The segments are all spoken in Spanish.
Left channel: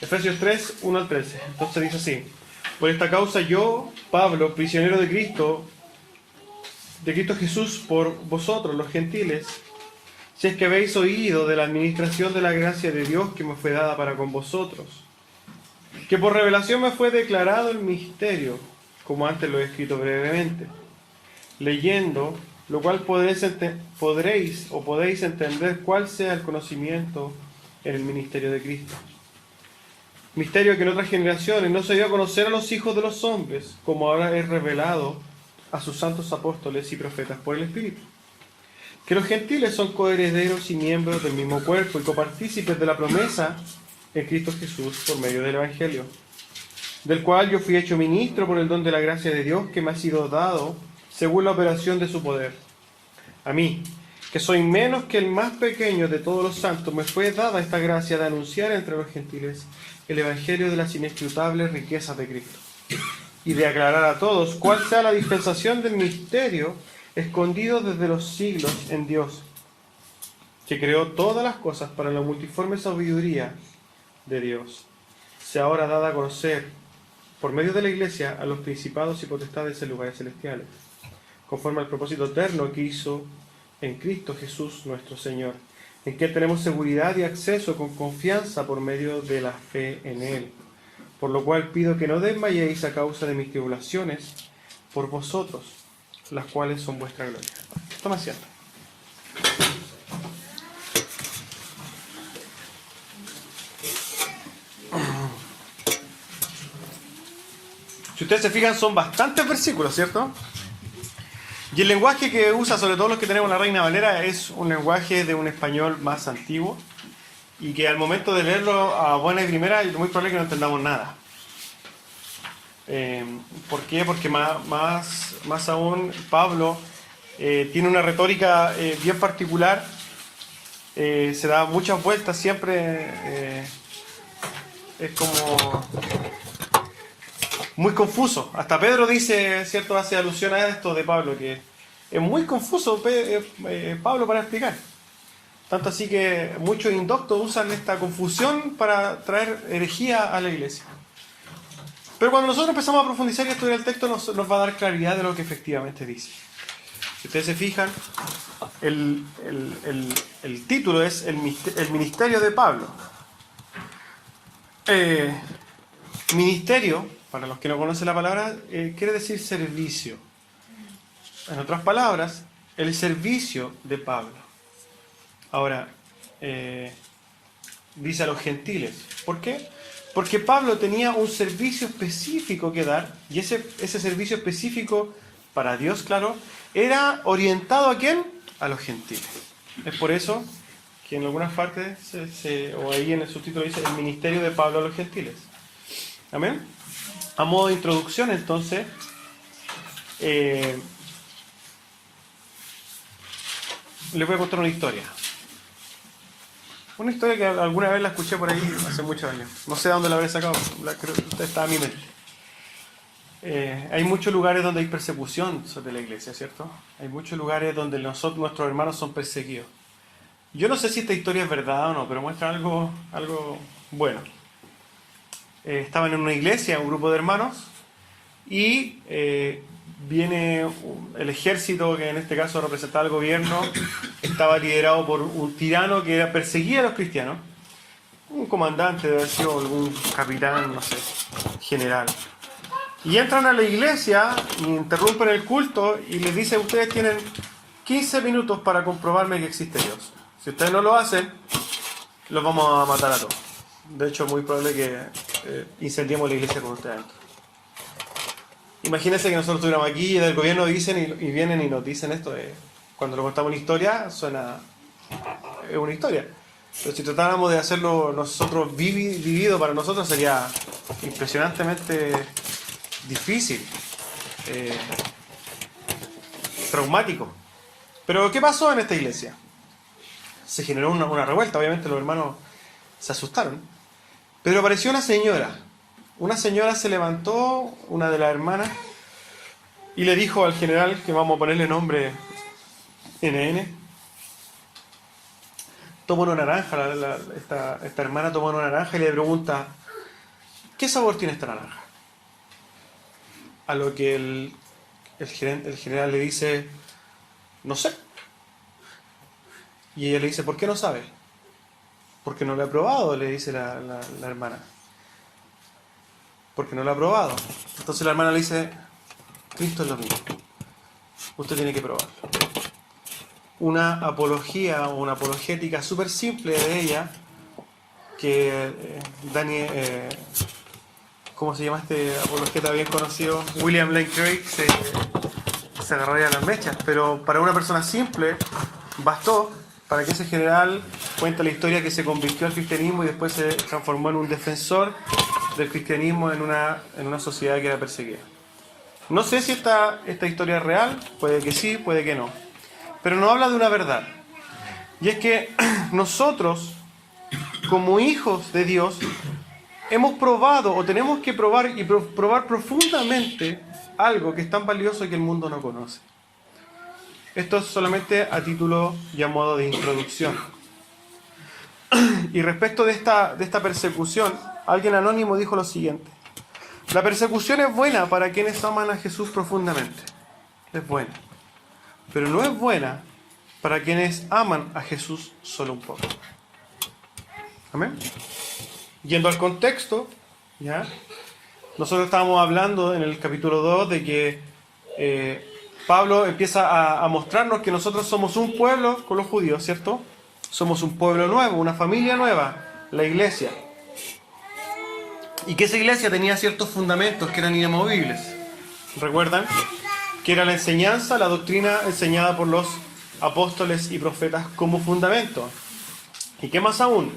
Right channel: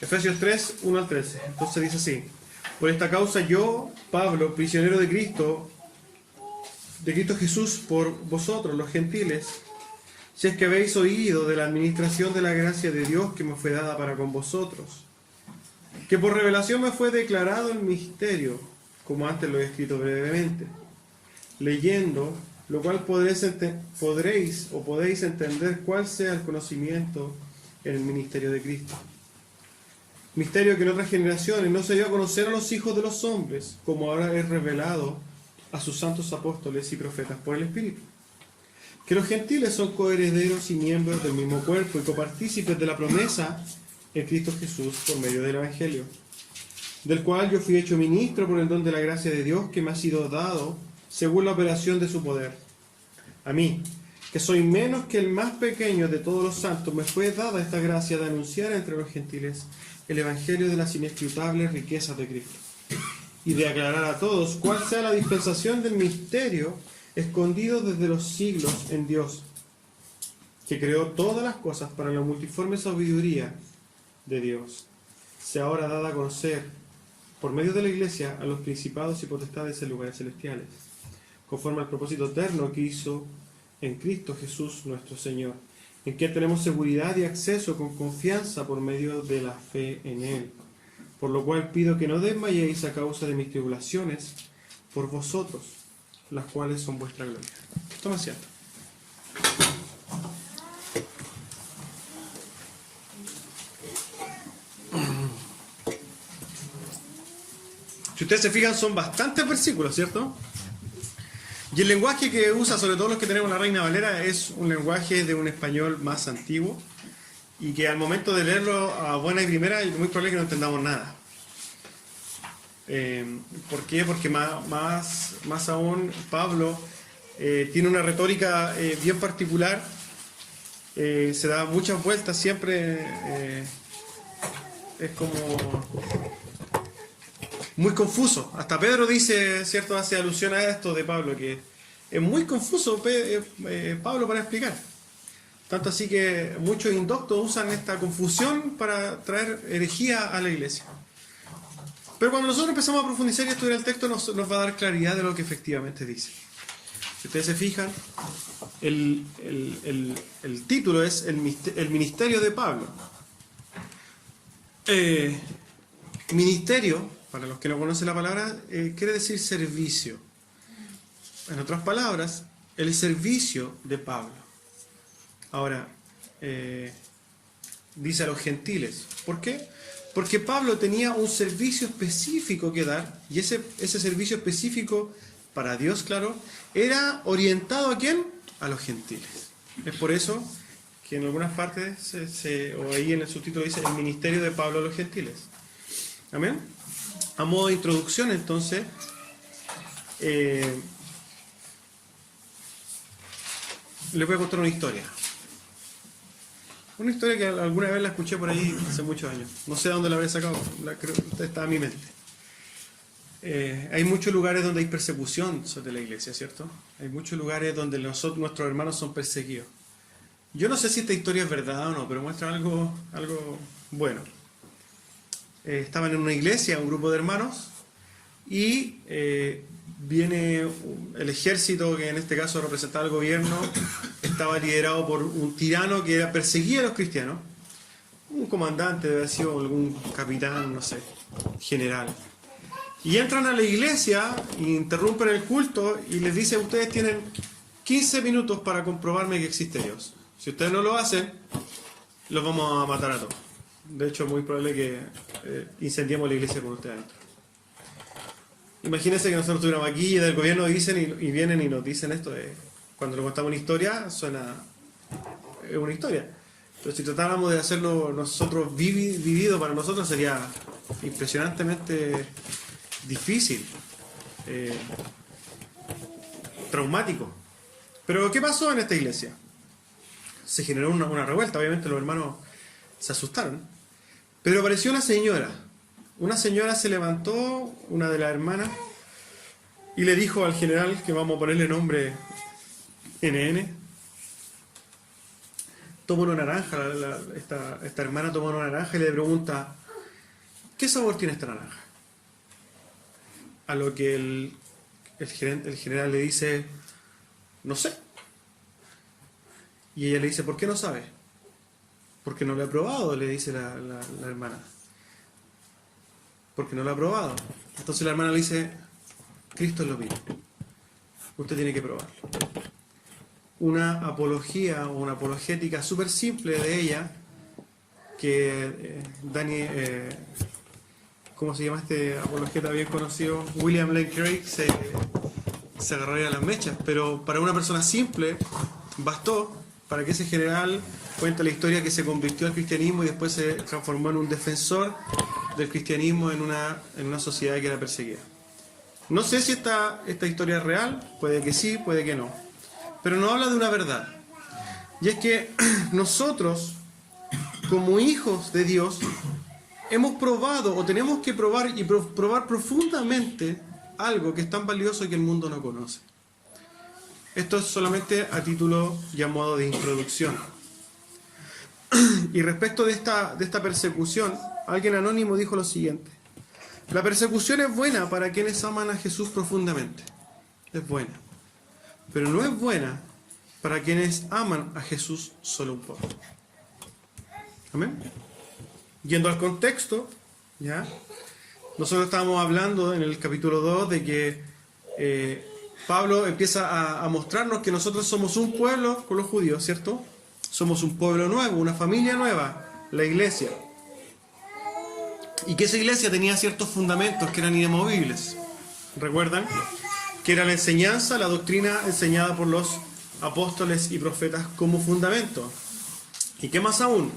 Efesios 3, 1 al 13. Entonces dice así: por esta causa yo, Pablo, prisionero de Cristo Jesús, por vosotros los gentiles, si es que habéis oído de la administración de la gracia de Dios que me fue dada para con vosotros, que por revelación me fue declarado el misterio, como antes lo he escrito brevemente, leyendo, lo cual podéis entender cuál sea el conocimiento en el ministerio de Cristo. Misterio que en otras generaciones no se dio a conocer a los hijos de los hombres, como ahora es revelado a sus santos apóstoles y profetas por el Espíritu. Que los gentiles son coherederos y miembros del mismo cuerpo y copartícipes de la promesa en Cristo Jesús por medio del Evangelio, del cual yo fui hecho ministro por el don de la gracia de Dios que me ha sido dado según la operación de su poder. A mí, que soy menos que el más pequeño de todos los santos, me fue dada esta gracia de anunciar entre los gentiles el Evangelio de las inescrutables riquezas de Cristo, y de aclarar a todos cuál sea la dispensación del misterio escondido desde los siglos en Dios, que creó todas las cosas para la multiforme sabiduría de Dios, sea ahora dada a conocer por medio de la Iglesia a los principados y potestades en lugares celestiales, conforme al propósito eterno que hizo en Cristo Jesús nuestro Señor, en que tenemos seguridad y acceso con confianza por medio de la fe en Él. Por lo cual pido que no desmayéis a causa de mis tribulaciones por vosotros, las cuales son vuestra gloria. Toma asiento. Si ustedes se fijan, son bastantes versículos, ¿cierto? Y el lenguaje que usa, sobre todo los que tenemos la Reina Valera, es un lenguaje de un español más antiguo y que al momento de leerlo a buena y primera es muy probable que no entendamos nada. ¿Por qué? Porque más aún Pablo tiene una retórica bien particular, se da muchas vueltas siempre, es como muy confuso. Hasta Pedro dice, ¿cierto?, hace alusión a esto de Pablo, que es muy confuso Pablo para explicar. Tanto así que muchos indoctos usan esta confusión para traer herejía a la iglesia. Pero cuando nosotros empezamos a profundizar y estudiar el texto, nos va a dar claridad de lo que efectivamente dice. Si ustedes se fijan, el título es el ministerio de Pablo. Ministerio, para los que no conocen la palabra, quiere decir servicio. En otras palabras, el servicio de Pablo. Ahora, dice a los gentiles. ¿Por qué? Porque Pablo tenía un servicio específico que dar, y ese servicio específico para Dios, claro, era orientado ¿a quién? A los gentiles. Es por eso que en algunas partes, o ahí en el subtítulo dice el ministerio de Pablo a los gentiles. Amén. A modo de introducción, entonces, les voy a contar una historia. Una historia que alguna vez la escuché por ahí hace muchos años. No sé de dónde la habré sacado, creo que está en mi mente. Hay muchos lugares donde hay persecución sobre la iglesia, ¿cierto? Hay muchos lugares donde nuestros hermanos son perseguidos. Yo no sé si esta historia es verdad o no, pero muestra algo bueno. Estaban en una iglesia, un grupo de hermanos, y viene el ejército, que en este caso representaba al gobierno, estaba liderado por un tirano que perseguía a los cristianos, un comandante, debe haber sido algún capitán, no sé, general. Y entran a la iglesia, interrumpen el culto y les dice: ustedes tienen 15 minutos para comprobarme que existe Dios. Si ustedes no lo hacen, los vamos a matar a todos. De hecho, es muy probable que incendiemos la iglesia con ustedes adentro. Imagínense que nosotros estuviéramos aquí y del gobierno dicen y vienen y nos dicen esto. Cuando nos contamos una historia, suena... es una historia. Pero si tratáramos de hacerlo nosotros vivido para nosotros, sería impresionantemente difícil, traumático. Pero ¿qué pasó en esta iglesia? Se generó una revuelta, obviamente los hermanos se asustaron. Pero apareció una señora. Una señora se levantó, una de las hermanas, y le dijo al general, que vamos a ponerle nombre NN, toma una naranja, esta hermana toma una naranja y le pregunta: ¿qué sabor tiene esta naranja? A lo que el general le dice, no sé. Y ella le dice, ¿por qué no sabe? Porque no lo he probado, le dice la hermana. Porque no lo ha probado. Entonces la hermana le dice, Cristo es lo mismo. Usted tiene que probarlo. Una apología o una apologética súper simple de ella, que ¿cómo se llama este apologeta bien conocido? William Lane Craig se agarraría a las mechas, pero para una persona simple bastó para que ese general cuente la historia que se convirtió al cristianismo y después se transformó en un defensor del cristianismo en una sociedad que era perseguida. No sé si esta historia es real, puede que sí, puede que no, pero nos habla de una verdad, y es que nosotros, como hijos de Dios, hemos probado o tenemos que probar y probar profundamente algo que es tan valioso que el mundo no conoce. Esto es solamente a título y a modo de introducción. Y respecto de esta persecución, alguien anónimo dijo lo siguiente: la persecución es buena para quienes aman a Jesús profundamente. Es buena. Pero no es buena para quienes aman a Jesús solo un poco. Amén. Yendo al contexto, ¿ya? Nosotros estábamos hablando en el capítulo 2 de que Pablo empieza a mostrarnos que nosotros somos un pueblo con los judíos, ¿cierto? Somos un pueblo nuevo, una familia nueva, la iglesia. Y que esa iglesia tenía ciertos fundamentos que eran inamovibles. ¿Recuerdan? Que era la enseñanza, la doctrina enseñada por los apóstoles y profetas como fundamento. ¿Y qué más aún?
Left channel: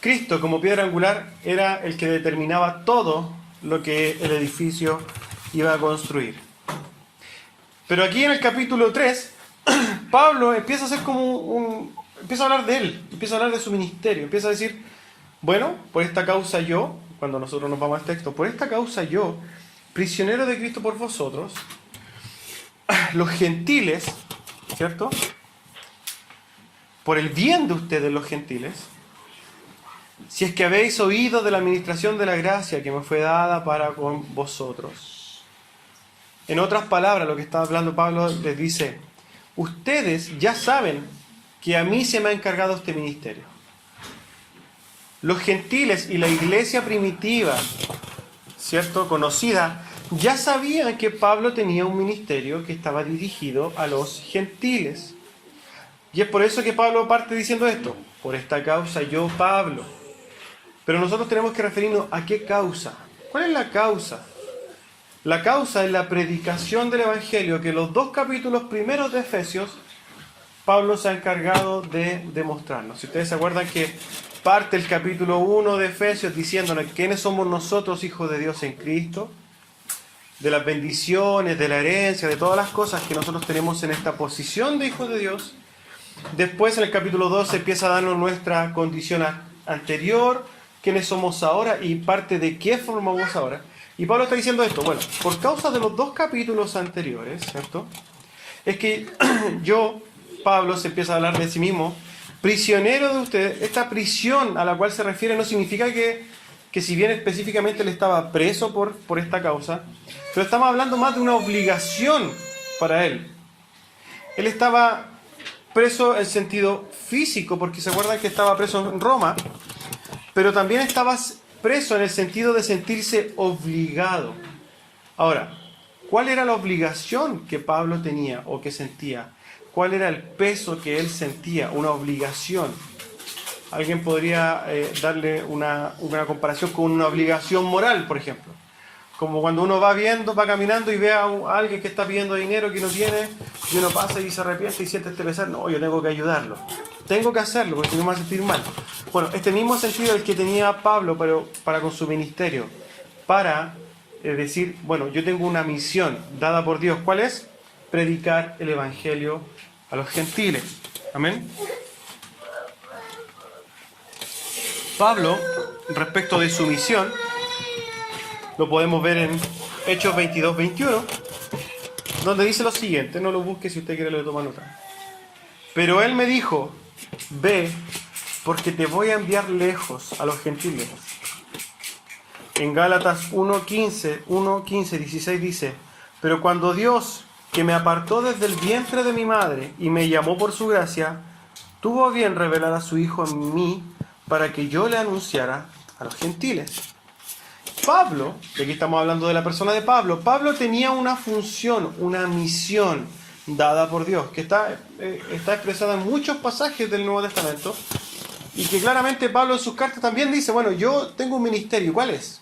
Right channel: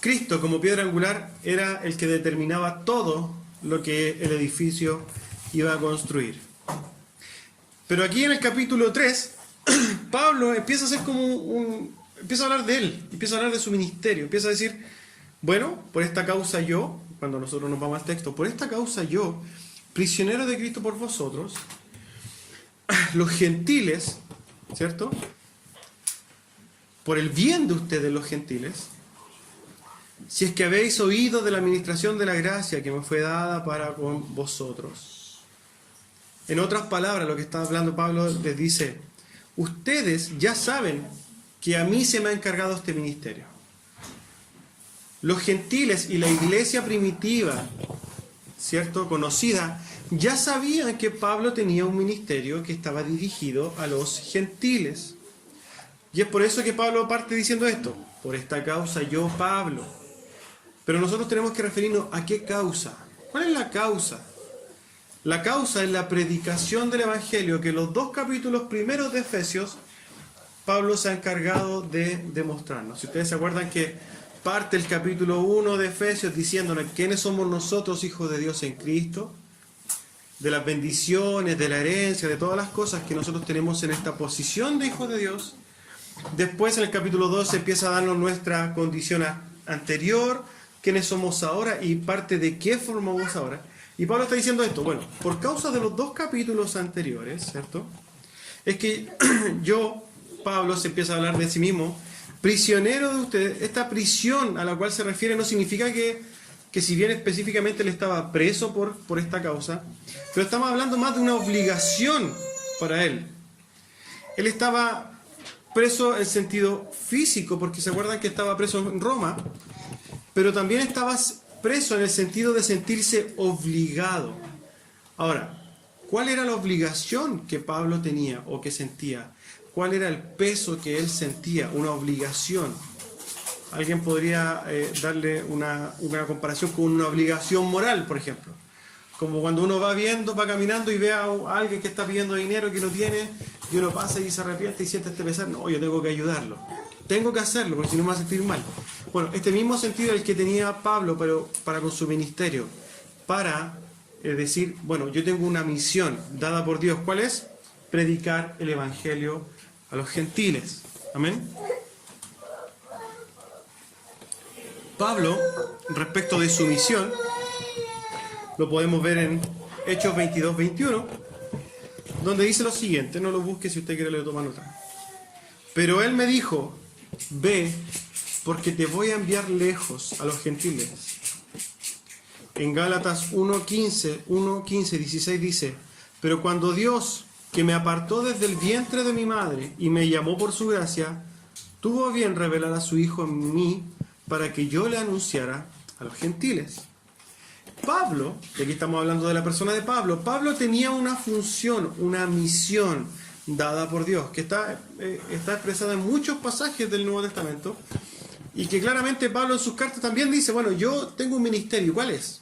Cristo como piedra angular era el que determinaba todo lo que el edificio iba a construir. Pero aquí en el capítulo 3, Pablo empieza a hacer empieza a hablar de él, empieza a hablar de su ministerio, empieza a decir, bueno, por esta causa yo, cuando nosotros nos vamos al texto, por esta causa yo, prisionero de Cristo por vosotros, los gentiles, ¿cierto? Por el bien de ustedes los gentiles, si es que habéis oído de la administración de la gracia que me fue dada para con vosotros. En otras palabras, lo que está hablando Pablo les dice, ustedes ya saben que a mí se me ha encargado este ministerio. Los gentiles y la iglesia primitiva, ¿cierto?, conocida, ya sabían que Pablo tenía un ministerio que estaba dirigido a los gentiles. Y es por eso que Pablo parte diciendo esto, por esta causa yo, Pablo. Pero nosotros tenemos que referirnos a qué causa. ¿Cuál es la causa? La causa es la predicación del Evangelio, que en los 2 capítulos primeros de Efesios, Pablo se ha encargado de demostrarnos. Si ustedes se acuerdan que parte el capítulo 1 de Efesios diciéndonos quiénes somos nosotros, hijos de Dios en Cristo, de las bendiciones, de la herencia, de todas las cosas que nosotros tenemos en esta posición de hijos de Dios. Después en el capítulo 2 se empieza a darnos nuestra condición anterior, quiénes somos ahora y parte de qué formamos ahora. Y Pablo está diciendo esto, bueno, por causa de los 2 capítulos anteriores, ¿cierto? Es que yo, Pablo, se empieza a hablar de sí mismo, prisionero de ustedes. Esta prisión a la cual se refiere no significa que si bien específicamente él estaba preso por esta causa, pero estamos hablando más de una obligación para él. Él estaba preso en sentido físico, porque se acuerdan que estaba preso en Roma, pero también estaba preso en el sentido de sentirse obligado. Ahora, ¿cuál era la obligación que Pablo tenía o que sentía? ¿Cuál era el peso que él sentía? Una obligación. Alguien podría darle una comparación con una obligación moral, por ejemplo. Como cuando uno va caminando y ve a alguien que está pidiendo dinero que no tiene, y uno pasa y se arrepiente y siente este pesar, no, yo tengo que ayudarlo. Tengo que hacerlo porque si no me va a sentir mal. Bueno, este mismo sentido es el que tenía Pablo para con su ministerio. Para decir, bueno, yo tengo una misión dada por Dios. ¿Cuál es? Predicar el Evangelio a los gentiles. Amén. Pablo, respecto de su misión, lo podemos ver en Hechos 22-21, donde dice lo siguiente, no lo busque si usted quiere le toma nota. Pero él me dijo, ve, porque te voy a enviar lejos a los gentiles, en Gálatas 1:15, 16 dice: pero cuando Dios, que me apartó desde el vientre de mi madre y me llamó por su gracia, tuvo a bien revelar a su Hijo en mí para que yo le anunciara a los gentiles. Pablo, y aquí estamos hablando de la persona de Pablo, Pablo tenía una función, una misión dada por Dios, que está expresada en muchos pasajes del Nuevo Testamento, y que claramente Pablo en sus cartas también dice, bueno, yo tengo un ministerio, ¿cuál es?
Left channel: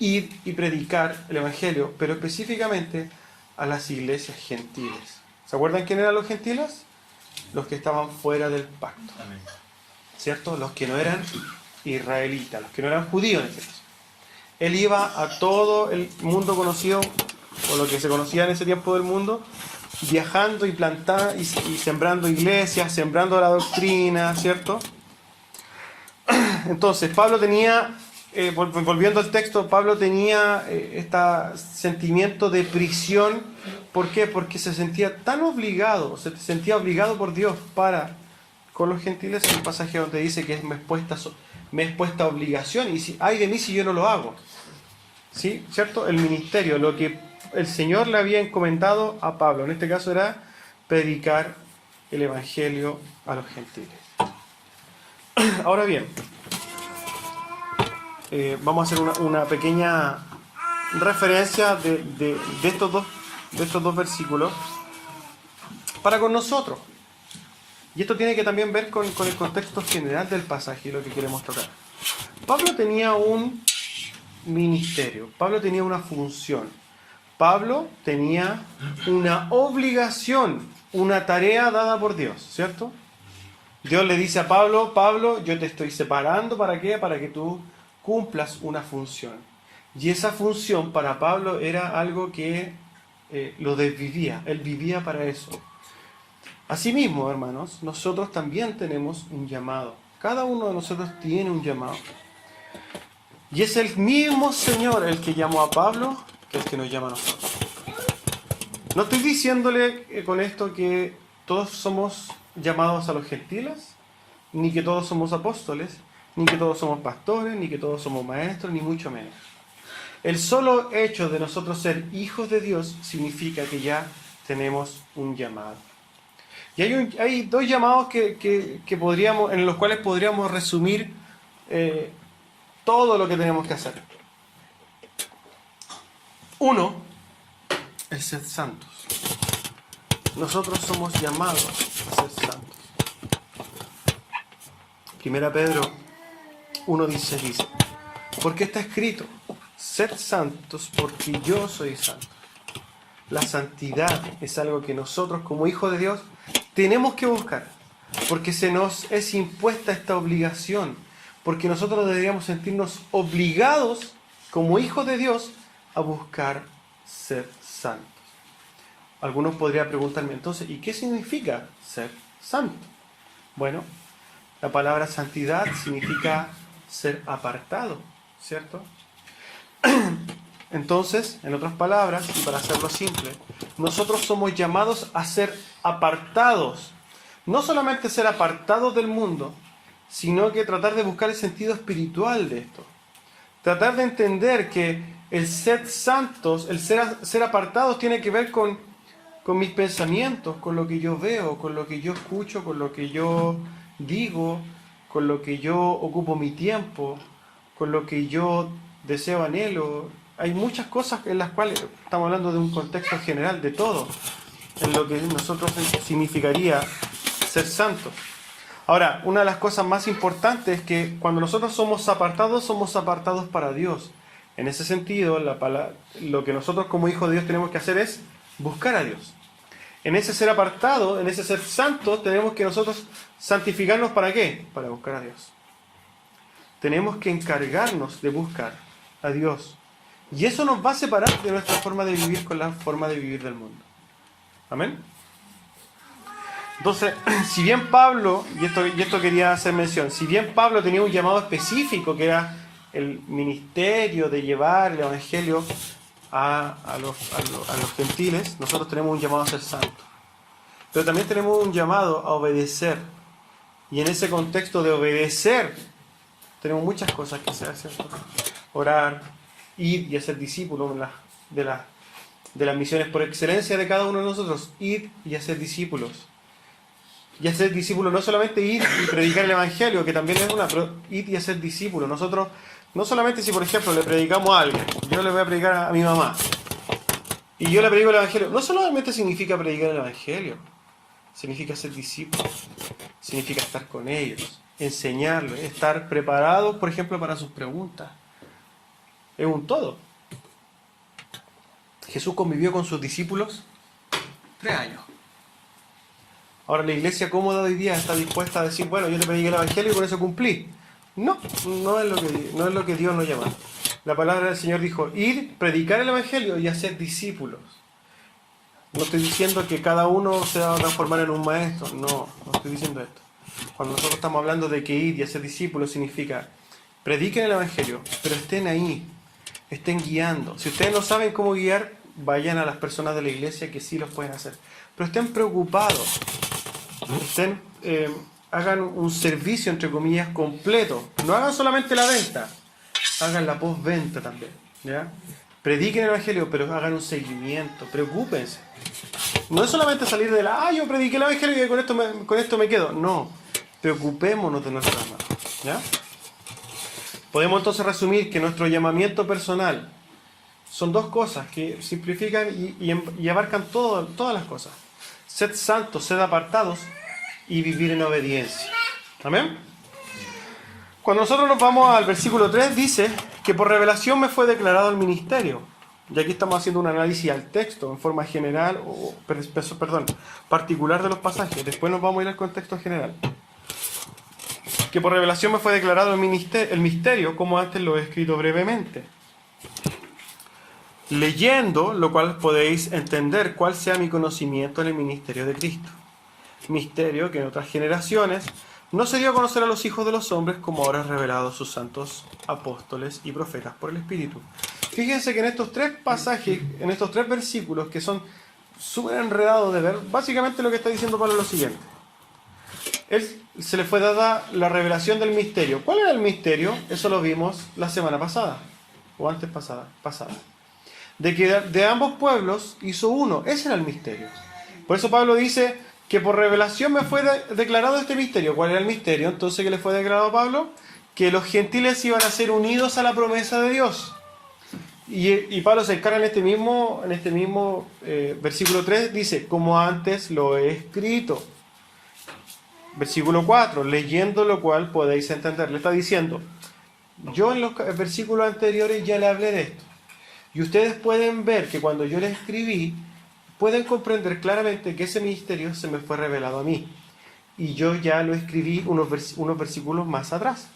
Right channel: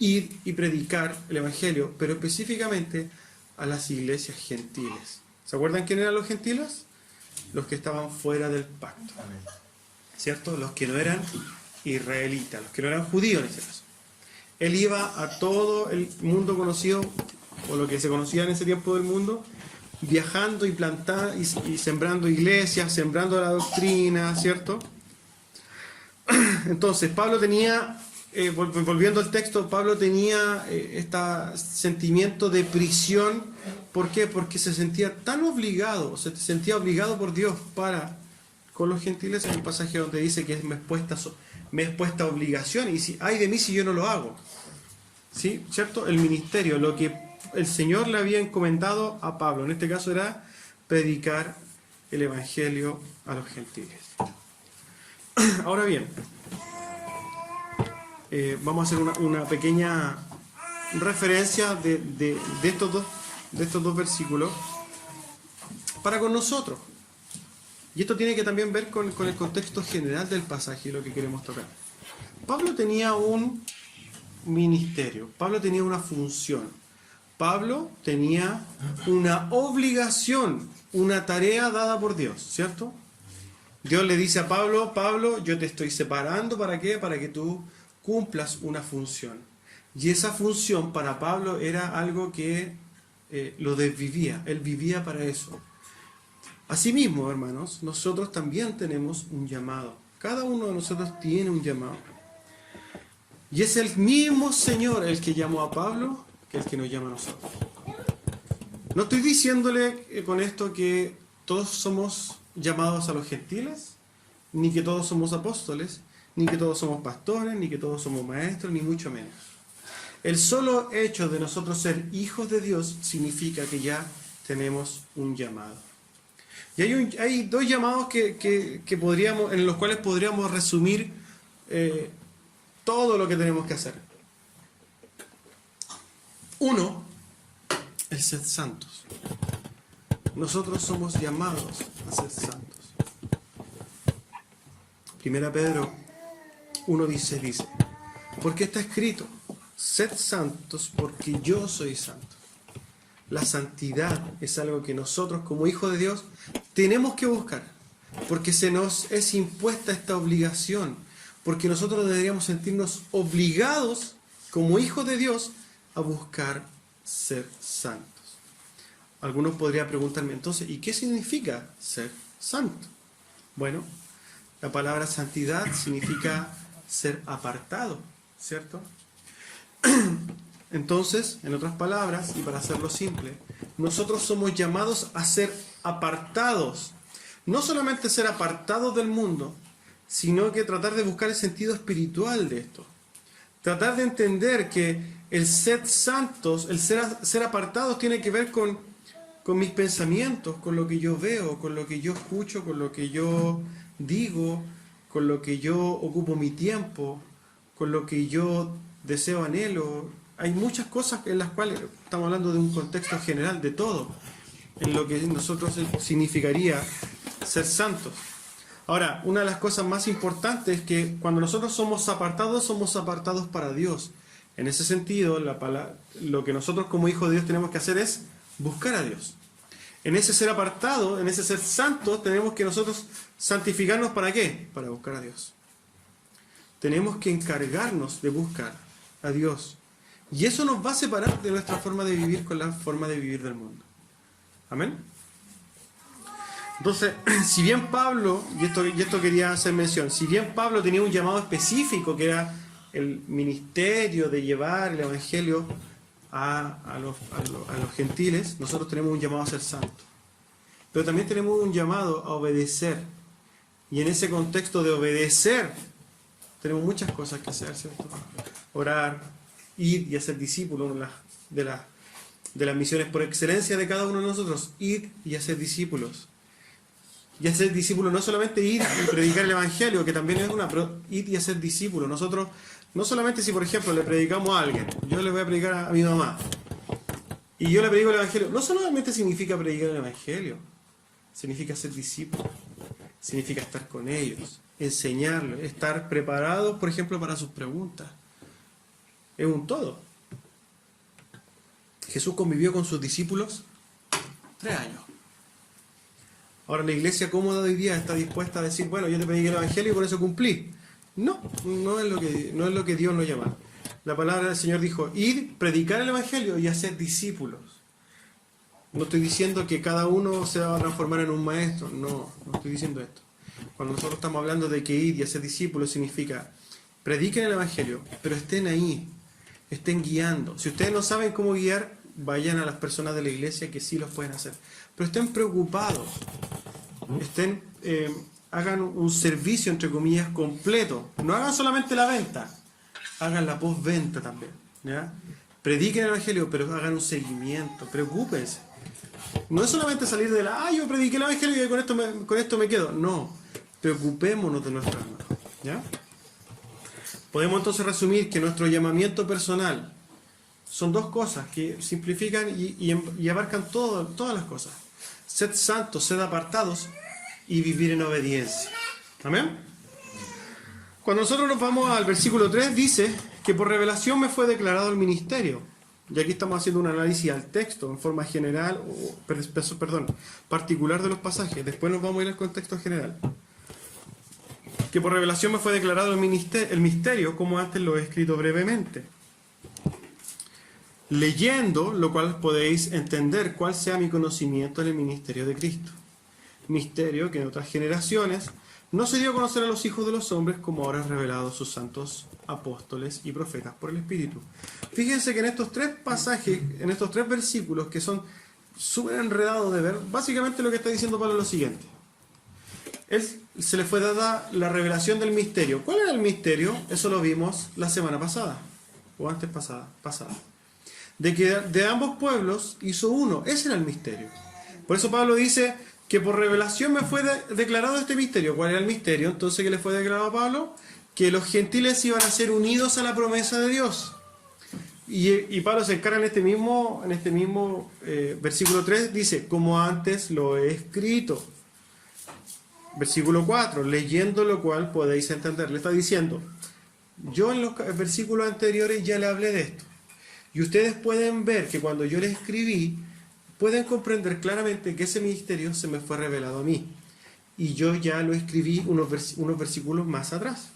Ir y predicar el Evangelio, pero específicamente a las iglesias gentiles. ¿Se acuerdan quién eran los gentiles? Los que estaban fuera del pacto. Amén. ¿Cierto? Los que no eran israelitas, los que no eran judíos en ese caso. Él iba a todo el mundo conocido, o lo que se conocía en ese tiempo del mundo, viajando y plantando y sembrando iglesias, sembrando la doctrina, ¿cierto? Entonces, Pablo tenía, volviendo al texto, Pablo tenía este sentimiento de prisión. ¿Por qué? Porque se sentía tan obligado, se sentía obligado por Dios para con los gentiles, en el pasaje donde dice que me es puesta obligación, y si ay de mí si yo no lo hago. ¿Sí? ¿Cierto? El ministerio, lo que el Señor le había encomendado a Pablo, en este caso era predicar el Evangelio a los gentiles. Ahora bien, vamos a hacer una pequeña referencia de estos dos versículos para con nosotros. Y esto tiene que también ver con el contexto general del pasaje y lo que queremos tocar. Pablo tenía un ministerio, Pablo tenía una función, Pablo tenía una obligación, una tarea dada por Dios, ¿cierto? Dios le dice a Pablo, Pablo, yo te estoy separando, ¿para qué? Para que tú cumplas una función. Y esa función para Pablo era algo que lo desvivía, él vivía para eso. Asimismo, hermanos, nosotros también tenemos un llamado. Cada uno de nosotros tiene un llamado. Y es el mismo Señor el que llamó a Pablo que el que nos llama a nosotros. No estoy diciéndole con esto que todos somos llamados a los gentiles, ni que todos somos apóstoles, ni que todos somos pastores, ni que todos somos maestros, ni mucho menos. El solo hecho de nosotros ser hijos de Dios significa que ya tenemos un llamado. Y hay dos llamados que podríamos, en los cuales podríamos resumir todo lo que tenemos que hacer. Uno, el ser santos. Nosotros somos llamados a ser santos. 1 Pedro 1:16 dice, porque está escrito, sed santos porque yo soy santo. La santidad es algo que nosotros como hijos de Dios tenemos que buscar, porque se nos es impuesta esta obligación, porque nosotros deberíamos sentirnos obligados como hijos de Dios a buscar ser santos. Algunos podrían preguntarme entonces, ¿y qué significa ser santo? Bueno, la palabra santidad significa ser apartado, ¿cierto? Entonces, en otras palabras, y para hacerlo simple, nosotros somos llamados a ser apartados. No solamente ser apartados del mundo, sino que tratar de buscar el sentido espiritual de esto. Tratar de entender que el ser santos, el ser apartados tiene que ver con mis pensamientos, con lo que yo veo, con lo que yo escucho, con lo que yo digo, con lo que yo ocupo mi tiempo, con lo que yo deseo, anhelo. Hay muchas cosas en las cuales estamos hablando de un contexto general de todo, en lo que nosotros significaría ser santos. Ahora, una de las cosas más importantes es que cuando nosotros somos apartados para Dios. En ese sentido, lo que nosotros como hijos de Dios tenemos que hacer es buscar a Dios. En ese ser apartado, en ese ser santo, tenemos que nosotros santificarnos ¿para qué? Para buscar a Dios. Tenemos que encargarnos de buscar a Dios. Y eso nos va a separar de nuestra forma de vivir con la forma de vivir del mundo. Amén. Entonces, si bien Pablo, y esto quería hacer mención, si bien Pablo tenía un llamado específico que era el ministerio de llevar el Evangelio a los gentiles, nosotros tenemos un llamado a ser santos. Pero también tenemos un llamado a obedecer. Y en ese contexto de obedecer, tenemos muchas cosas que hacer, ¿cierto? orar, ir y hacer discípulos, una de las misiones por excelencia de cada uno de nosotros, ir y hacer discípulos. Y hacer discípulos no solamente ir y predicar el Evangelio, que también es una, pero ir y hacer discípulos. Nosotros, no solamente si por ejemplo le predicamos a alguien, yo le voy a predicar a mi mamá, y yo le predico el Evangelio, no solamente significa predicar el Evangelio, significa ser discípulos, significa estar con ellos, enseñarles, estar preparados, por ejemplo, para sus preguntas. Es un todo. Jesús convivió con sus discípulos 3 años. Ahora la iglesia cómoda de hoy día está dispuesta a decir, bueno, yo te prediqué el Evangelio y con eso cumplí. No, no es lo que Dios nos llama. La palabra del Señor dijo, ir, predicar el Evangelio y hacer discípulos. No estoy diciendo que cada uno se va a transformar en un maestro, no estoy diciendo esto. Cuando nosotros estamos hablando de que ir y hacer discípulos significa, prediquen el Evangelio, pero estén ahí, estén guiando. Si ustedes no saben cómo guiar, vayan a las personas de la iglesia que sí los pueden hacer. Pero estén preocupados, hagan un servicio, entre comillas, completo. No hagan solamente la venta, hagan la postventa también, ¿ya? Prediquen el Evangelio, pero hagan un seguimiento, preocúpense. No es solamente salir de yo prediqué el Evangelio y con esto me quedo. No, preocupémonos de nuestra alma, ¿ya? Podemos entonces resumir que nuestro llamamiento personal son 2 cosas que simplifican y abarcan todas las cosas. Sed santos, sed apartados y vivir en obediencia. ¿Amén? Cuando nosotros nos vamos al versículo 3, dice que por revelación me fue declarado el ministerio. Y aquí estamos haciendo un análisis al texto en forma general, particular de los pasajes. Después nos vamos a ir al contexto general. Que por revelación me fue declarado el misterio, como antes lo he escrito brevemente. Leyendo, lo cual podéis entender cuál sea mi conocimiento en el ministerio de Cristo. Misterio que en otras generaciones no se dio a conocer a los hijos de los hombres, como ahora es revelado a sus santos apóstoles y profetas por el Espíritu. Fíjense que en estos 3 pasajes, en estos 3 versículos que son súper enredados de ver, básicamente lo que está diciendo Pablo es lo siguiente. Se le fue dada la revelación del misterio. ¿Cuál era el misterio? Eso lo vimos la semana pasada, o antes pasada. De que de ambos pueblos hizo uno. Ese era el misterio. Por eso Pablo dice que por revelación me fue declarado este misterio. ¿Cuál era el misterio? Entonces, ¿qué le fue declarado a Pablo? Que los gentiles iban a ser unidos a la promesa de Dios. Y Pablo se encarga en este mismo versículo 3, dice, como antes lo he escrito. Versículo 4, leyendo lo cual podéis entender. Le está diciendo, yo en los versículos anteriores ya le hablé de esto. Y ustedes pueden ver que cuando yo le escribí, pueden comprender claramente que ese misterio se me fue revelado a mí. Y yo ya lo escribí unos versículos más atrás.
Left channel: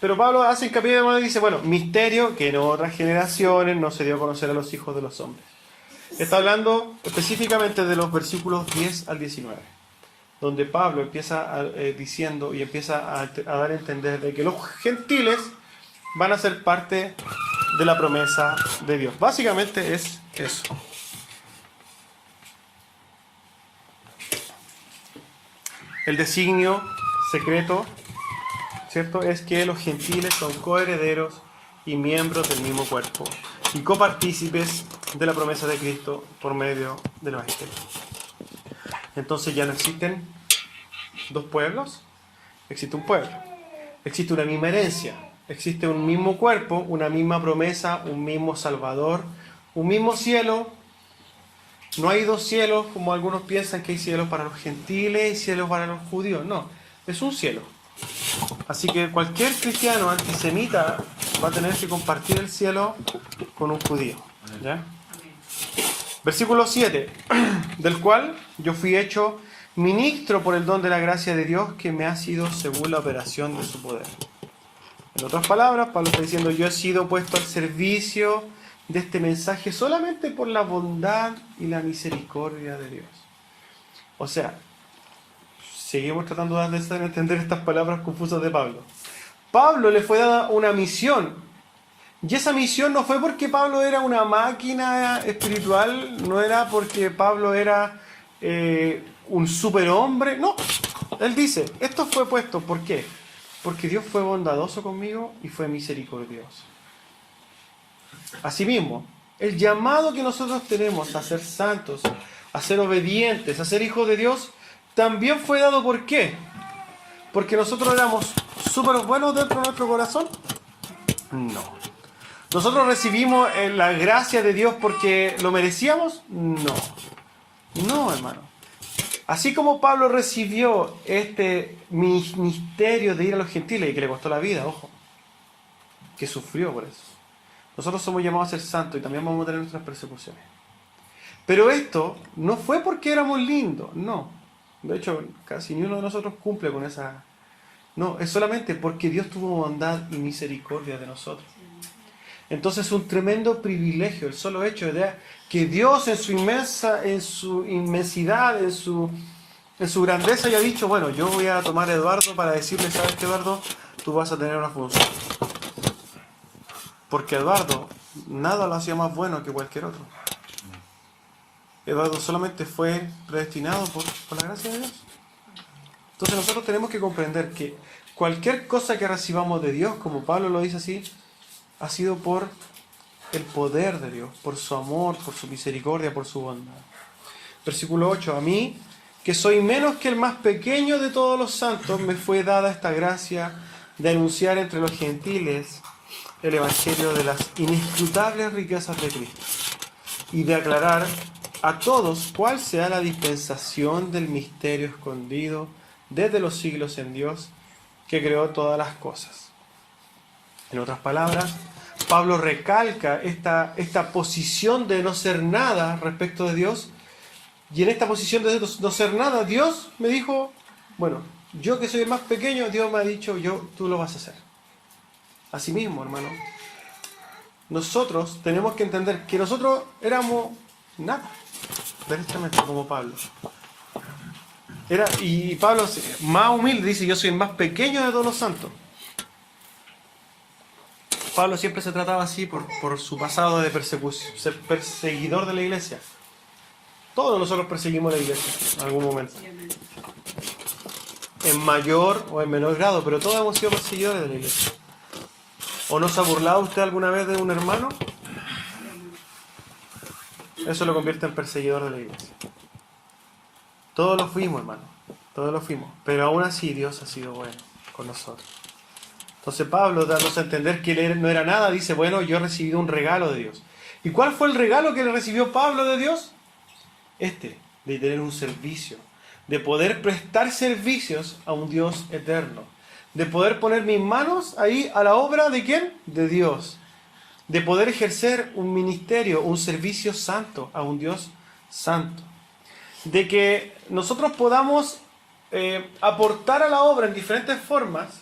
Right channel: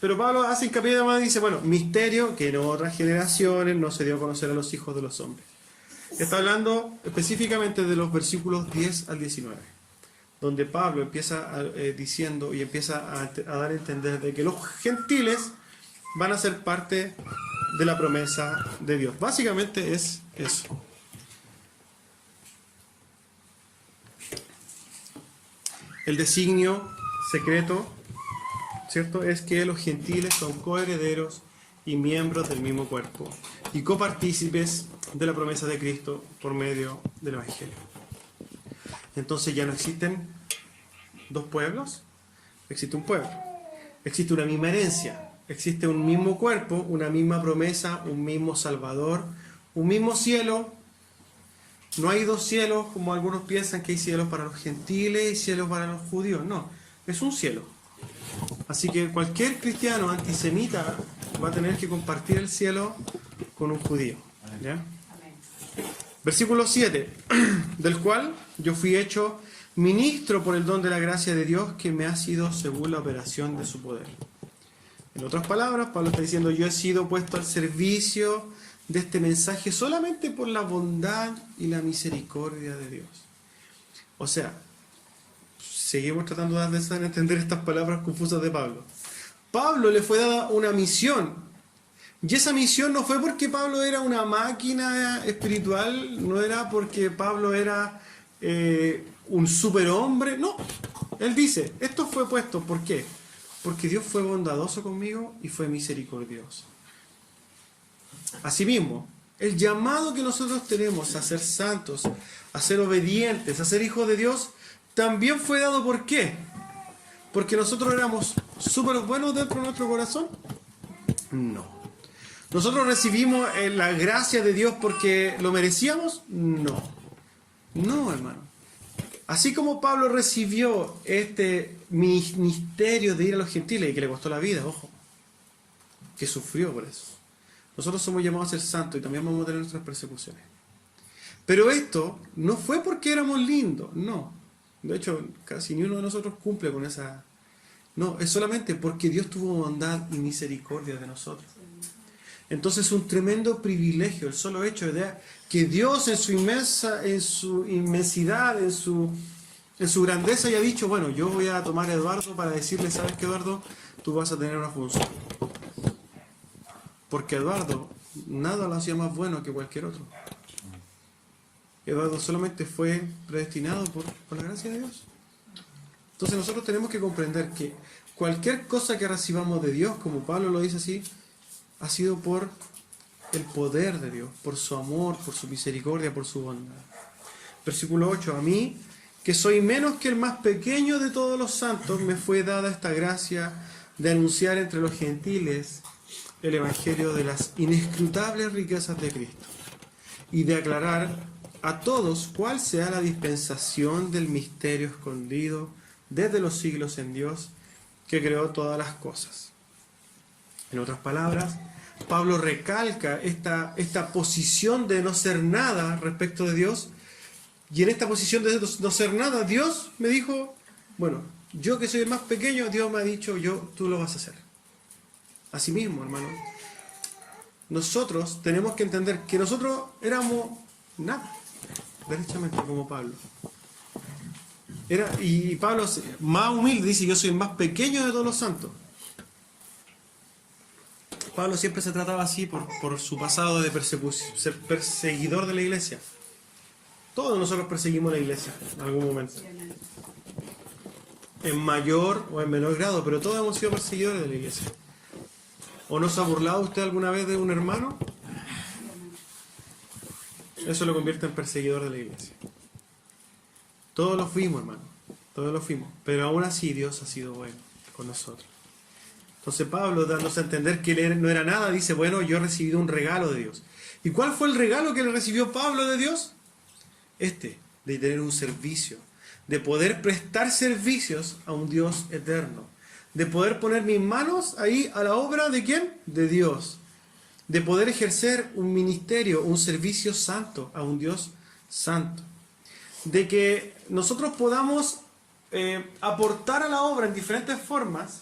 Pero Pablo hace hincapié de dice, misterio que en otras generaciones no se dio a conocer a los hijos de los hombres. Está hablando específicamente de los versículos 10 al 19, donde Pablo empieza diciendo y empieza a dar a entender de que los gentiles van a ser parte de la promesa de Dios. Básicamente es eso. El designio secreto, ¿cierto?, es que los gentiles son coherederos y miembros del mismo cuerpo y copartícipes de la promesa de Cristo por medio del Evangelio. Entonces ya no existen 2 pueblos, existe un pueblo, existe una misma herencia, existe un mismo cuerpo, una misma promesa, un mismo Salvador, un mismo cielo. No hay 2 cielos como algunos piensan, que hay cielos para los gentiles y cielos para los judíos. No, es un cielo. Así que cualquier cristiano antisemita va a tener que compartir el cielo con un judío, ¿ya? Versículo 7, del cual yo fui hecho ministro por el don de la gracia de Dios que me ha sido según la operación de su poder. En otras palabras, Pablo está diciendo, yo he sido puesto al servicio de este mensaje solamente por la bondad y la misericordia de Dios. O sea, seguimos tratando de entender estas palabras confusas de Pablo. Pablo le fue dada una misión, y esa misión no fue porque Pablo era una máquina espiritual, no era porque Pablo era un superhombre, no. Él dice, esto fue puesto, ¿por qué? porque Dios fue bondadoso conmigo y fue misericordioso. Asimismo, el llamado que nosotros tenemos a ser santos, a ser obedientes, a ser hijos de Dios, también fue dado ¿por qué? ¿Porque nosotros éramos súper buenos dentro de nuestro corazón? No. ¿Nosotros recibimos la gracia de Dios porque lo merecíamos? No. No, hermano. Así como Pablo recibió este ministerio de ir a los gentiles y que le costó la vida, ojo, que sufrió por eso. Nosotros somos llamados a ser santos y también vamos a tener nuestras persecuciones. Pero esto no fue porque éramos lindos, no. De hecho, casi ni uno de nosotros cumple con esa... No, es solamente porque Dios tuvo bondad y misericordia de nosotros. Entonces es un tremendo privilegio el solo hecho de que Dios en su inmensidad, en su grandeza haya dicho, bueno, yo voy a tomar a Eduardo para decirle, ¿sabes qué, Eduardo? Tú vas a tener una función. Porque Eduardo nada lo hacía más bueno que cualquier otro. Eduardo solamente fue predestinado por la gracia de Dios. Entonces nosotros tenemos que comprender que cualquier cosa que recibamos de Dios, como Pablo lo dice así, ha sido por el poder de Dios, por su amor, por su misericordia, por su bondad. Versículo 8. A mí, que soy menos que el más pequeño de todos los santos, me fue dada esta gracia de anunciar entre los gentiles el evangelio de las inescrutables riquezas de Cristo y de aclarar a todos cuál sea la dispensación del misterio escondido desde los siglos en Dios, que creó todas las cosas. En otras palabras, Pablo recalca esta posición de no ser nada respecto de Dios, y en esta posición de no ser nada, Dios me dijo, bueno, yo que soy el más pequeño, Dios me ha dicho, tú lo vas a hacer. Asimismo, hermano, nosotros tenemos que entender que nosotros éramos nada, derechamente, como Pablo. Y Pablo, más humilde, dice, yo soy el más pequeño de todos los santos. Pablo siempre se trataba así por su pasado de persecución, ser perseguidor de la iglesia. Todos nosotros perseguimos la iglesia en algún momento. En mayor o en menor grado, pero todos hemos sido perseguidores de la iglesia. ¿O no se ha burlado usted alguna vez de un hermano? Eso lo convierte en perseguidor de la iglesia. Todos lo fuimos, hermano. Todos lo fuimos. Pero aún así Dios ha sido bueno con nosotros. Entonces Pablo, dándose a entender que él no era nada, dice, bueno, yo he recibido un regalo de Dios. ¿Y cuál fue el regalo que le recibió Pablo de Dios? De tener un servicio. De poder prestar servicios a un Dios eterno. De poder poner mis manos ahí a la obra ¿de quién? De Dios. De poder ejercer un ministerio, un servicio santo a un Dios santo. De que nosotros podamos aportar a la obra en diferentes formas,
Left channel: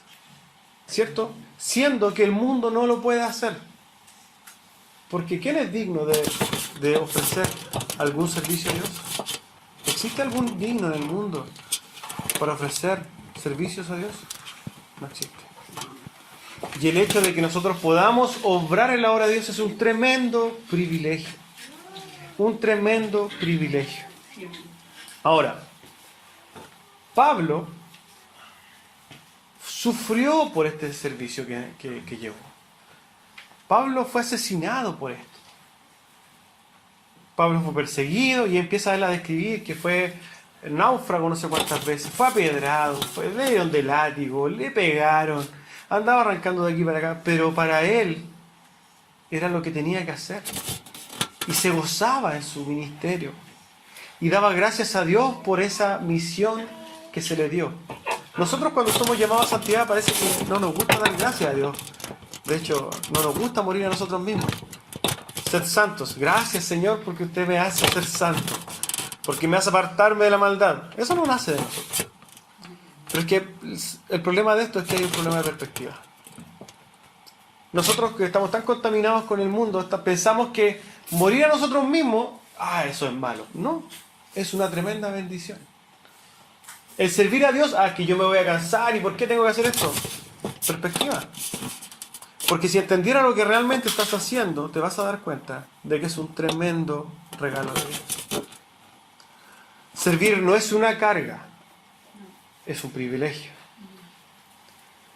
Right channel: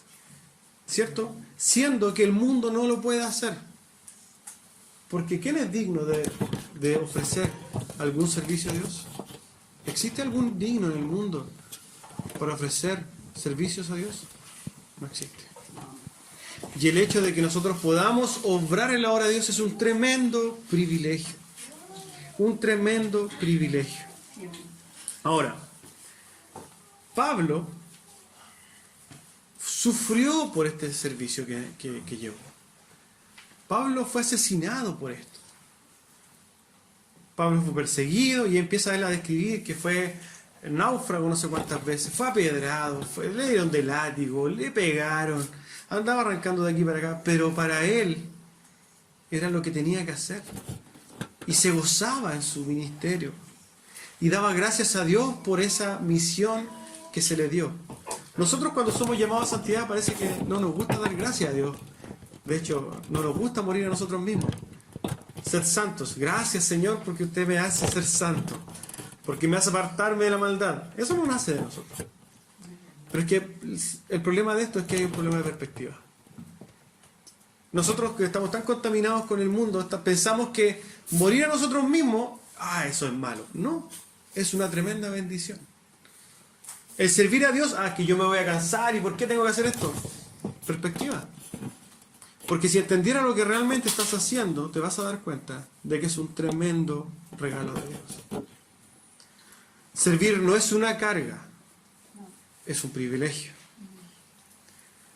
¿cierto? Siendo que el mundo no lo puede hacer. Porque ¿quién es digno de ofrecer algún servicio a Dios? ¿Existe algún digno en el mundo para ofrecer servicios a Dios? No existe. Y el hecho de que nosotros podamos obrar en la obra de Dios es un tremendo privilegio. Un tremendo privilegio. Ahora, Pablo sufrió por este servicio que llevó. Pablo fue asesinado por esto. Pablo fue perseguido y empieza él a describir que fue náufrago no sé cuántas veces, fue apedrado, le dieron de látigo, le pegaron, andaba arrancando de aquí para acá, pero para él era lo que tenía que hacer. Y se gozaba en su ministerio. Y daba gracias a Dios por esa misión que se le dio. Nosotros cuando somos llamados a santidad parece que no nos gusta dar gracias a Dios. De hecho, no nos gusta morir a nosotros mismos. Ser santos. Gracias, Señor, porque usted me hace ser santo. Porque me hace apartarme de la maldad. Eso no nace de nosotros. Pero es que el problema de esto es que hay un problema de perspectiva. Nosotros que estamos tan contaminados con el mundo, pensamos que morir a nosotros mismos, eso es malo. No, es una tremenda bendición. El servir a Dios, que yo me voy a cansar, ¿y por qué tengo que hacer esto? Perspectiva. Porque si entendieras lo que realmente estás haciendo, te vas a dar cuenta de que es un tremendo regalo de Dios. Servir no es una carga, es un privilegio.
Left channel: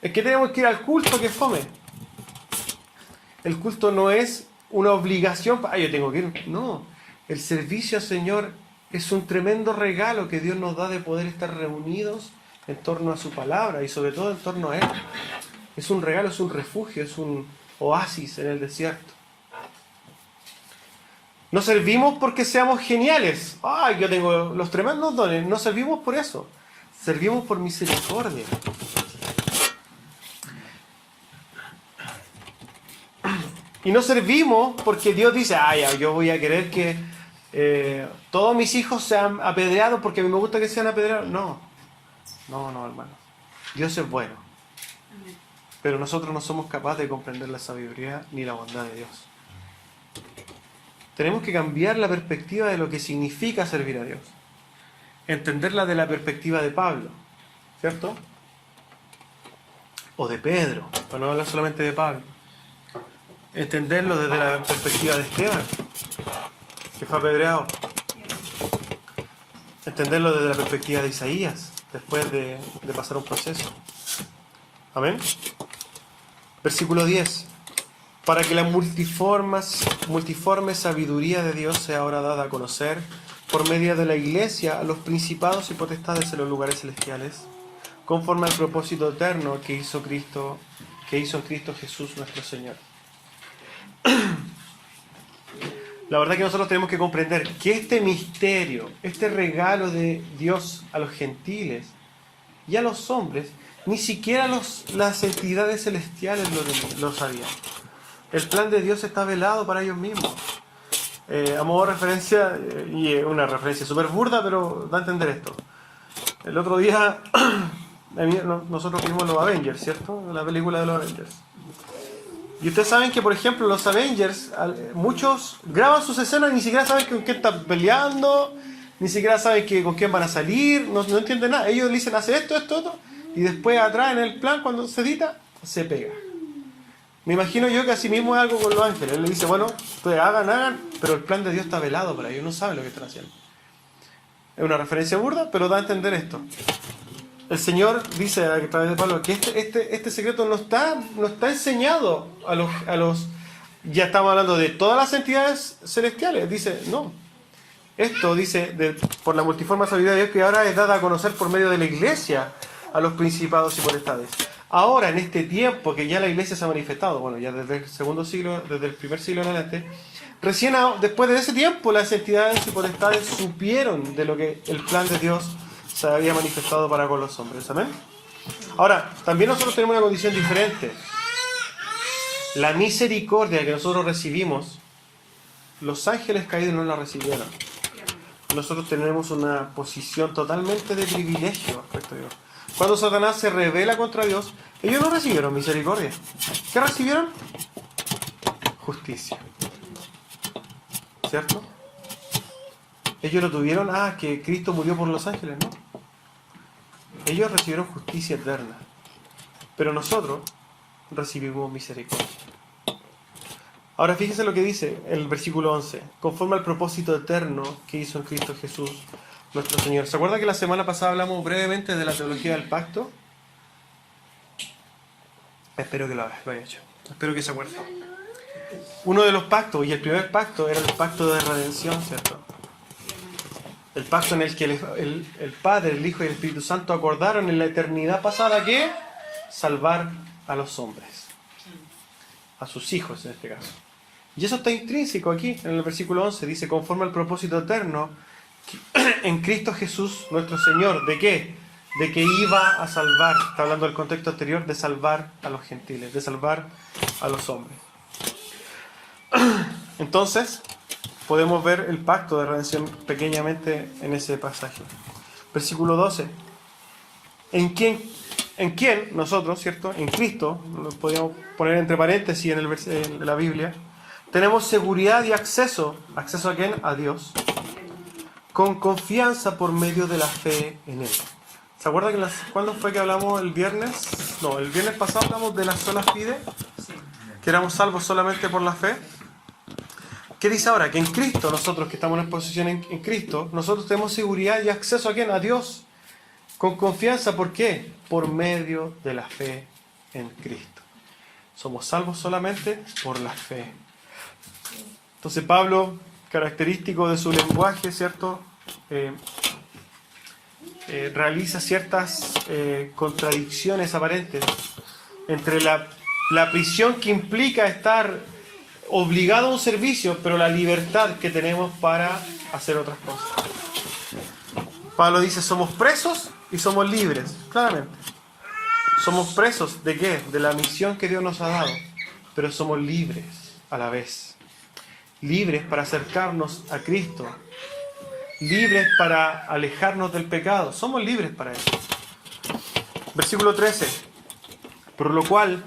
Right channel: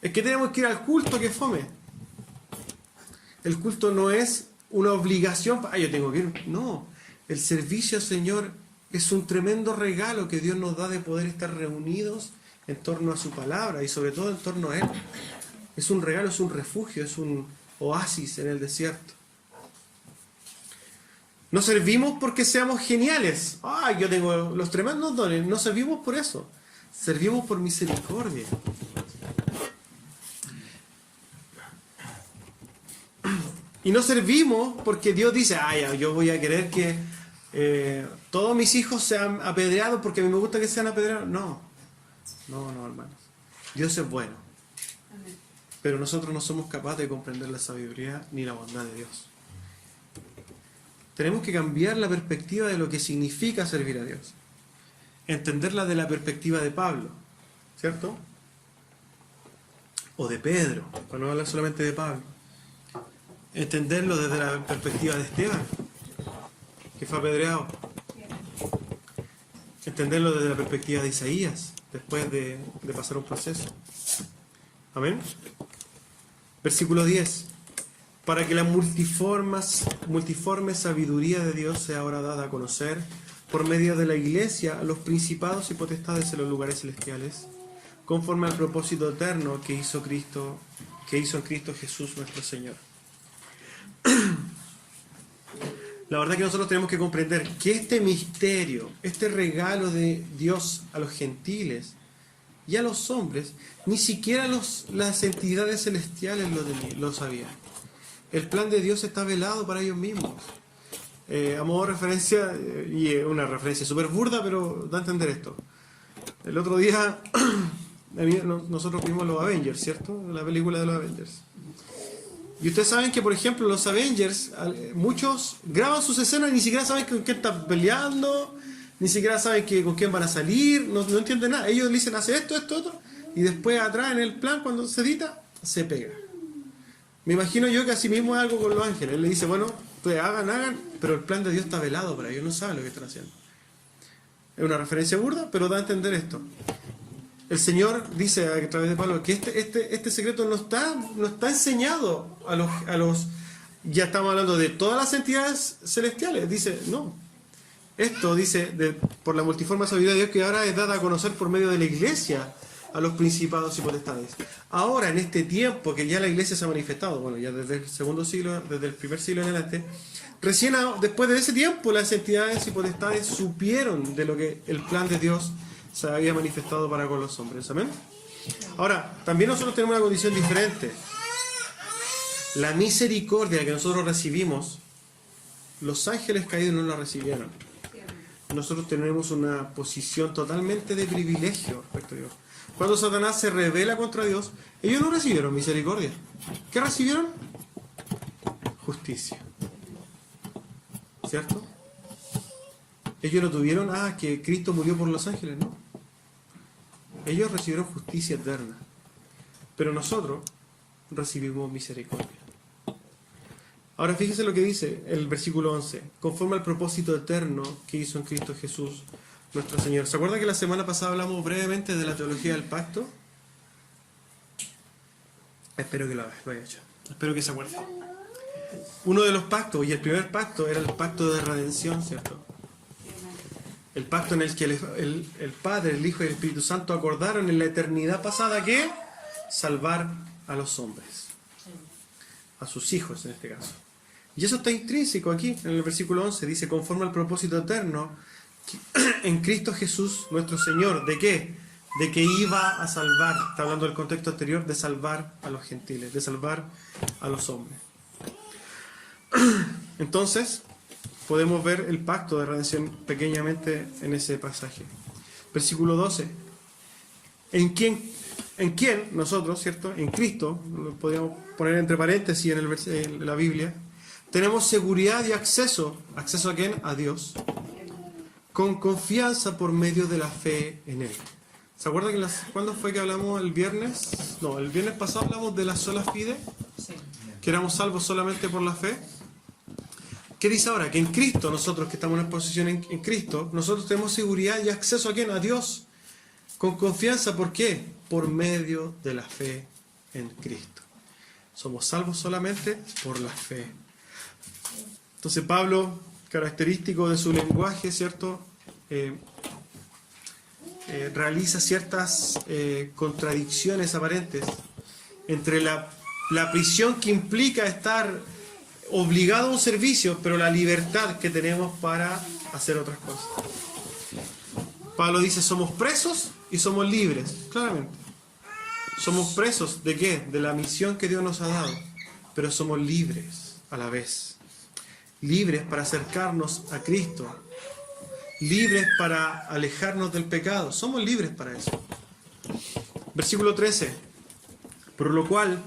Es que tenemos que ir al culto, que fome. El culto no es una obligación. Yo tengo que ir. No. El servicio al Señor es un tremendo regalo que Dios nos da de poder estar reunidos en torno a su palabra y sobre todo en torno a Él. Es un regalo, es un refugio, es un oasis en el desierto. No servimos porque seamos geniales. Yo tengo los tremendos dones. No servimos por eso. Servimos por misericordia. Y no servimos porque Dios dice, yo voy a querer que todos mis hijos sean apedreados porque a mí me gusta que sean apedreados. No, hermano. Dios es bueno. Pero nosotros no somos capaces de comprender la sabiduría ni la bondad de Dios. Tenemos que cambiar la perspectiva de lo que significa servir a Dios. Entenderla de la perspectiva de Pablo, ¿cierto? O de Pedro, para no hablar solamente de Pablo. Entenderlo desde la perspectiva de Esteban, que fue apedreado. Entenderlo desde la perspectiva de Isaías, después de pasar un proceso. Amén. Versículo 10. Para que la multiforme sabiduría de Dios sea ahora dada a conocer por medio de la Iglesia a los principados y potestades en los lugares celestiales, conforme al propósito eterno que hizo en Cristo Jesús nuestro Señor. La verdad que nosotros tenemos que comprender que este misterio, este regalo de Dios a los gentiles y a los hombres, ni siquiera las entidades celestiales lo sabían. El plan de Dios está velado para ellos mismos. A modo de referencia, y una referencia súper burda, pero da a entender esto. El otro día, nosotros vimos los Avengers, ¿cierto? La película de los Avengers. Y ustedes saben que, por ejemplo, los Avengers, muchos graban sus escenas y ni siquiera saben con quién están peleando, ni siquiera saben con quién van a salir, no entienden nada. Ellos le dicen, hace esto, otro, y después atrás en el plan, cuando se edita, se pega. Me imagino yo que así mismo es algo con los ángeles. Él le dice, bueno, pues hagan, pero el plan de Dios está velado para ellos, no saben lo que están haciendo. Es una referencia burda, pero da a entender esto. El Señor dice a través de Pablo que este secreto no está enseñado a los... Ya estamos hablando de todas las entidades celestiales. Dice, no. Esto dice, por la multiforme sabiduría de Dios que ahora es dada a conocer por medio de la Iglesia a los principados y potestades. Ahora, en este tiempo que ya la Iglesia se ha manifestado, bueno, ya desde el segundo siglo, desde el primer siglo en adelante, recién después de ese tiempo las entidades y potestades supieron de lo que el plan de Dios se había manifestado para con los hombres. ¿Amén? Ahora, también nosotros tenemos una condición diferente. La misericordia que nosotros recibimos, los ángeles caídos no la recibieron. Nosotros tenemos una posición totalmente de privilegio respecto a Dios. Cuando Satanás se rebela contra Dios, ellos no recibieron misericordia. ¿Qué recibieron? Justicia. ¿Cierto? Ellos lo tuvieron, que Cristo murió por los ángeles, ¿no? Ellos recibieron justicia eterna. Pero nosotros recibimos misericordia. Ahora fíjense lo que dice el versículo 11. Conforme al propósito eterno que hizo en Cristo Jesús nuestro Señor. ¿Se acuerda que la semana pasada hablamos brevemente de la teología del pacto? Espero que lo haya hecho. Espero que se acuerde. Uno de los pactos, y el primer pacto, era el pacto de redención, ¿cierto? El pacto en el que el Padre, el Hijo y el Espíritu Santo acordaron en la eternidad pasada que salvar a los hombres. A sus hijos en este caso. Y eso está intrínseco aquí, en el versículo 11. Dice, conforme al propósito eterno en Cristo Jesús nuestro Señor. ¿De qué? De que iba a salvar, está hablando del contexto anterior, de salvar a los gentiles, de salvar a los hombres. Entonces, podemos ver el pacto de redención pequeñamente en ese pasaje. Versículo 12. ¿En quién nosotros, ¿cierto? En Cristo, lo podríamos poner entre paréntesis en la Biblia, tenemos seguridad y acceso. ¿Acceso a quién? A Dios. Con confianza por medio de la fe en Él. ¿Se acuerdan que cuándo fue que hablamos el viernes? No, el viernes pasado hablamos de la sola fide, que éramos salvos solamente por la fe. ¿Qué dice ahora? Que en Cristo, nosotros que estamos en posición en Cristo, nosotros tenemos seguridad y acceso a quién? A Dios. Con confianza, ¿por qué? Por medio de la fe en Cristo. Somos salvos solamente por la fe. Entonces Pablo, característico de su lenguaje, ¿cierto? Realiza ciertas contradicciones aparentes entre la prisión que implica estar obligado a un servicio, pero la libertad que tenemos para hacer otras cosas. Pablo dice, somos presos y somos libres, claramente. Somos presos ¿de qué? De la misión que Dios nos ha dado, pero somos libres a la vez. Libres para acercarnos a Cristo, libres para alejarnos del pecado. Somos libres para eso. Versículo 13. Por lo cual,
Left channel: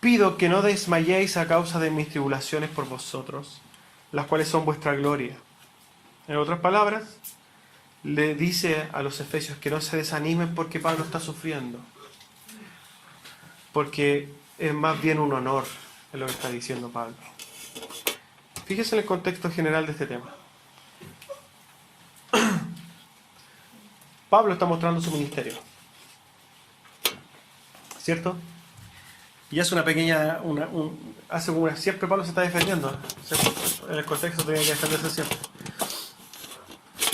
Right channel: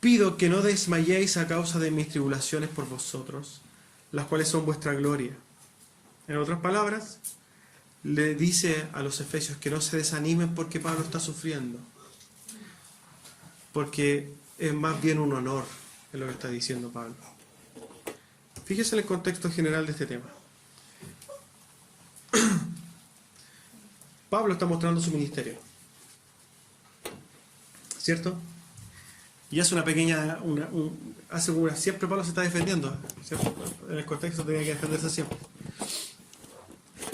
pido que no desmayéis a causa de mis tribulaciones por vosotros, las cuales son vuestra gloria. En otras palabras, le dice a los efesios que no se desanimen porque Pablo está sufriendo. Porque es más bien un honor, es lo que está diciendo Pablo. Fíjese en el contexto general de este tema. Pablo está mostrando su ministerio, ¿cierto? Y hace una pequeña, siempre Pablo se está defendiendo, ¿cierto? En el contexto tenía que defenderse siempre.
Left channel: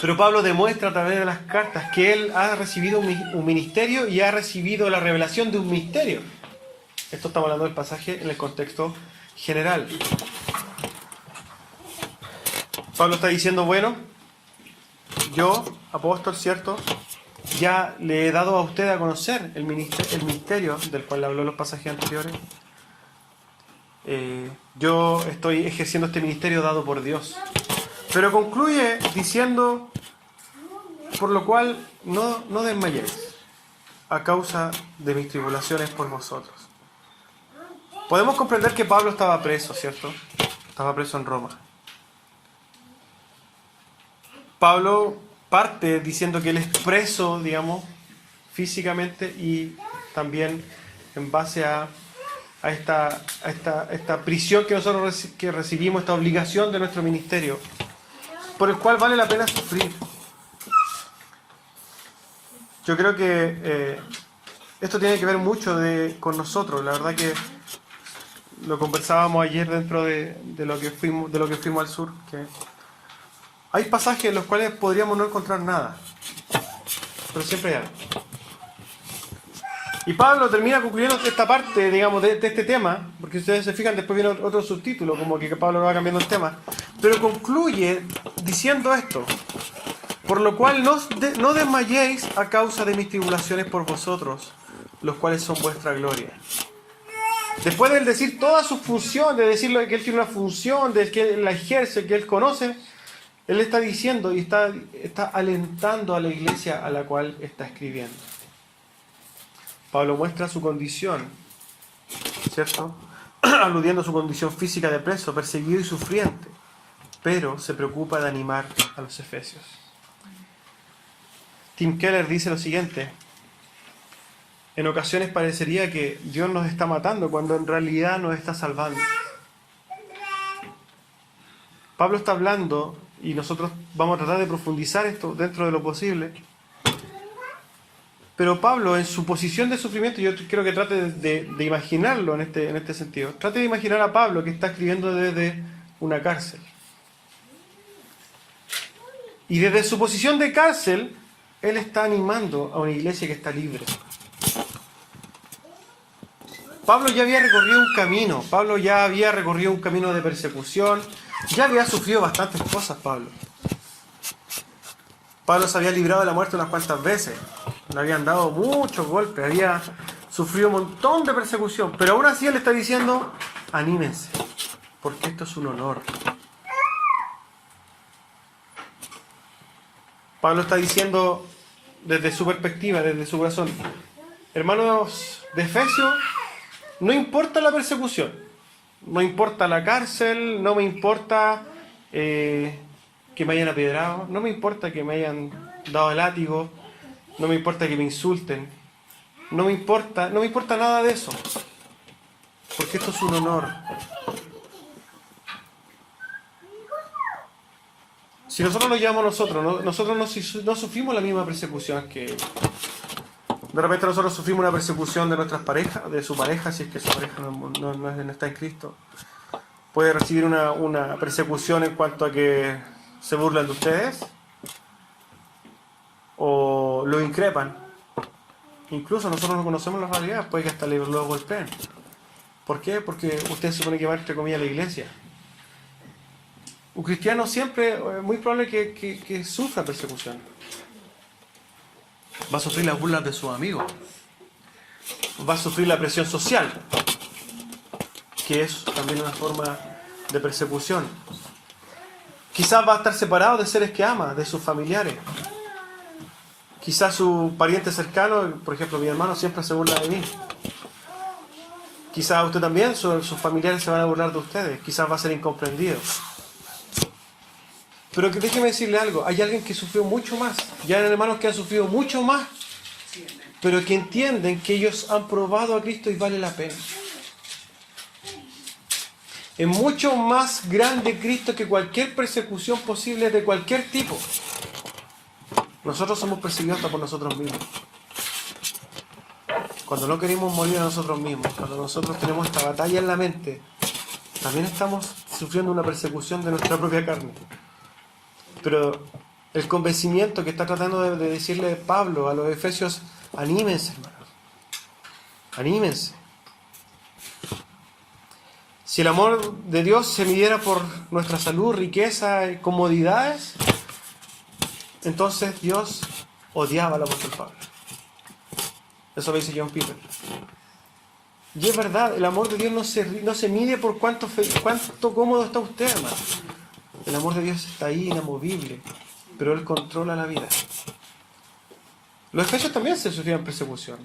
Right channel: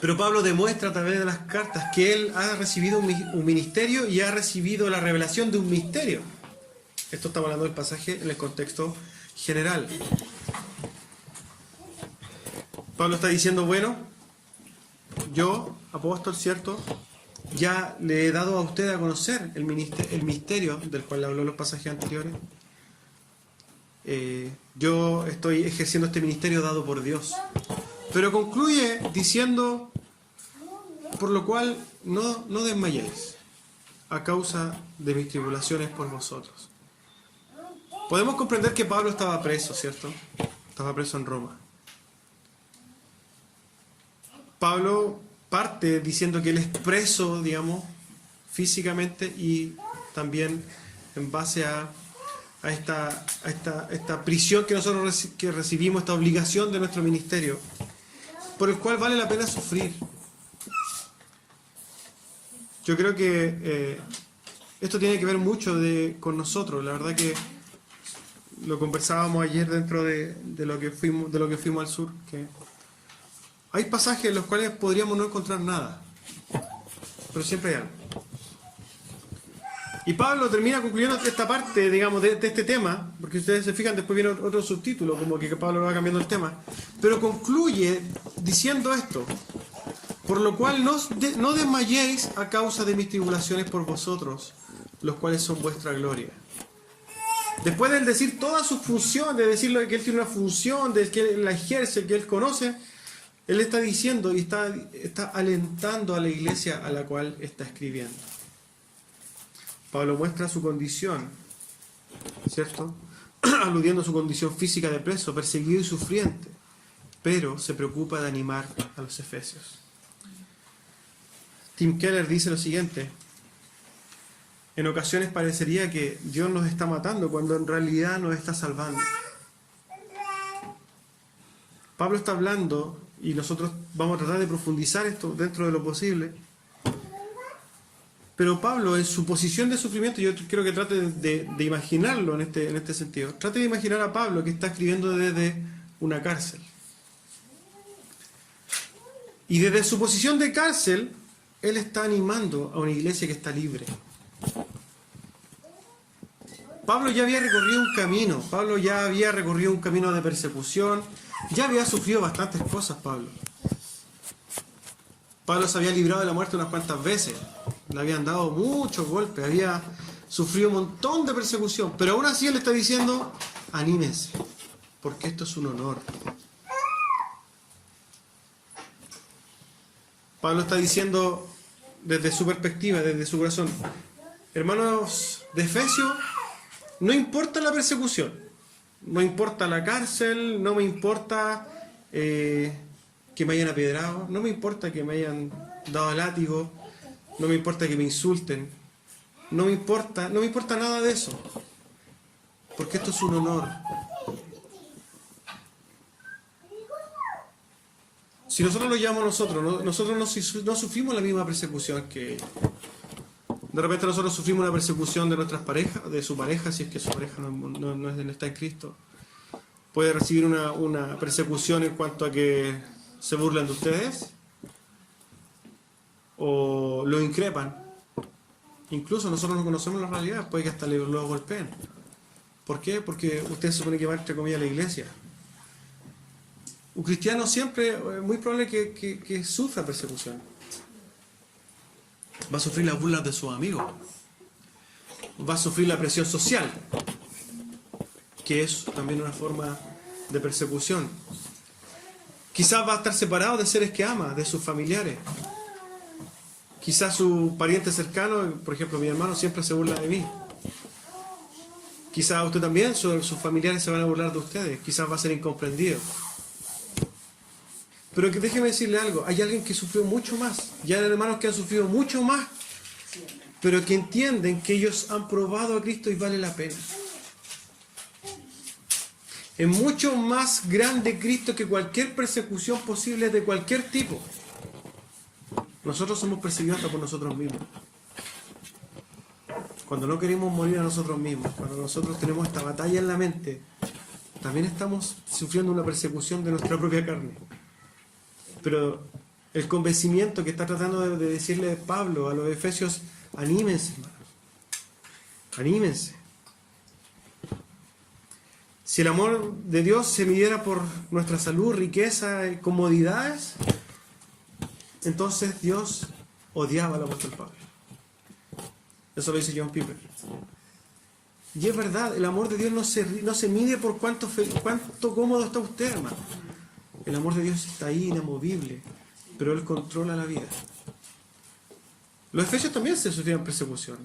Pero Pablo demuestra a través de las cartas que él ha recibido un ministerio y ha recibido la revelación de un misterio. Esto estamos hablando del pasaje en el contexto general. Pablo está diciendo, bueno, yo, apóstol, ¿cierto?, ya le he dado a usted a conocer el misterio del cual le habló en los pasajes anteriores. Yo estoy ejerciendo este ministerio dado por Dios. Pero concluye diciendo, por lo cual no desmayéis a causa de mis tribulaciones por vosotros. Podemos comprender que Pablo estaba preso, ¿cierto? Estaba preso en Roma. Pablo parte diciendo que él es preso, digamos, físicamente y también en base a esta prisión que nosotros recibimos, esta obligación de nuestro ministerio, por el cual vale la pena sufrir. Yo creo que esto tiene que ver mucho con nosotros. La verdad que lo conversábamos ayer dentro de lo que fuimos al sur, que hay pasajes en los cuales podríamos no encontrar nada, pero siempre hay algo. Y Pablo termina concluyendo esta parte, digamos, de este tema, porque ustedes se fijan, después viene otro subtítulo, como que Pablo va cambiando el tema, pero concluye diciendo esto: por lo cual no desmayéis a causa de mis tribulaciones por vosotros, los cuales son vuestra gloria. Después de él decir toda su función, de decirle que él tiene una función, de que él la ejerce, que él conoce, él está diciendo y está alentando a la iglesia a la cual está escribiendo. Pablo muestra su condición, ¿cierto? Aludiendo a su condición física de preso, perseguido y sufriente, pero se preocupa de animar a los efesios. Tim Keller dice lo siguiente: en ocasiones parecería que Dios nos está matando cuando en realidad nos está salvando. Pablo está hablando, y nosotros vamos a tratar de profundizar esto dentro de lo posible, pero Pablo, en su posición de sufrimiento, yo quiero que trate de imaginarlo en este sentido. Trate de imaginar a Pablo que está escribiendo desde una cárcel. Y desde su posición de cárcel, él está animando a una iglesia que está libre. Pablo ya había recorrido un camino. Pablo ya había recorrido un camino de persecución. Ya había sufrido bastantes cosas, Pablo. Pablo se había librado de la muerte unas cuantas veces. Le habían dado muchos golpes. Había sufrido un montón de persecución. Pero aún así él está diciendo, anímense, porque esto es un honor. Pablo está diciendo desde su perspectiva, desde su corazón: hermanos de Efesios, no importa la persecución, no importa la cárcel, no me importa que me hayan apedreado, no me importa que me hayan dado el látigo, no me importa que me insulten, no me importa nada de eso, porque esto es un honor. Si nosotros lo llevamos nosotros no sufrimos la misma persecución que ellos. De repente nosotros sufrimos una persecución de nuestras parejas, de su pareja, si es que su pareja no está en Cristo. Puede recibir una persecución en cuanto a que se burlan de ustedes o lo increpan. Incluso nosotros no conocemos la realidad, puede que hasta lo golpeen. ¿Por qué? Porque usted se supone que va, entre comillas, a la iglesia. Un cristiano siempre es muy probable que sufra persecución. Va a sufrir las burlas de sus amigos. Va a sufrir la presión social, que es también una forma de persecución. Quizás va a estar separado de seres que ama, de sus familiares. Quizás su pariente cercano, por ejemplo mi hermano, siempre se burla de mí. Quizás usted también, sus familiares se van a burlar de ustedes. Quizás va a ser incomprendido. Pero que déjeme decirle algo, hay alguien que sufrió mucho más. Ya hay hermanos que han sufrido mucho más, pero que entienden que ellos han probado a Cristo y vale la pena. Es mucho más grande Cristo que cualquier persecución posible de cualquier tipo. Nosotros somos perseguidos hasta por nosotros mismos. Cuando no queremos morir a nosotros mismos, cuando nosotros tenemos esta batalla en la mente, también estamos sufriendo una persecución de nuestra propia carne. Pero el convencimiento que está tratando de decirle Pablo a los efesios, anímense, hermanos. Anímense. Si el amor de Dios se midiera por nuestra salud, riqueza y comodidades, entonces Dios odiaba al apóstol Pablo. Eso lo dice John Piper. Y es verdad, el amor de Dios no se mide por cuánto cómodo está usted, hermano. El amor de Dios está ahí, inamovible, pero Él controla la vida. Los efesios también se sufrían persecución.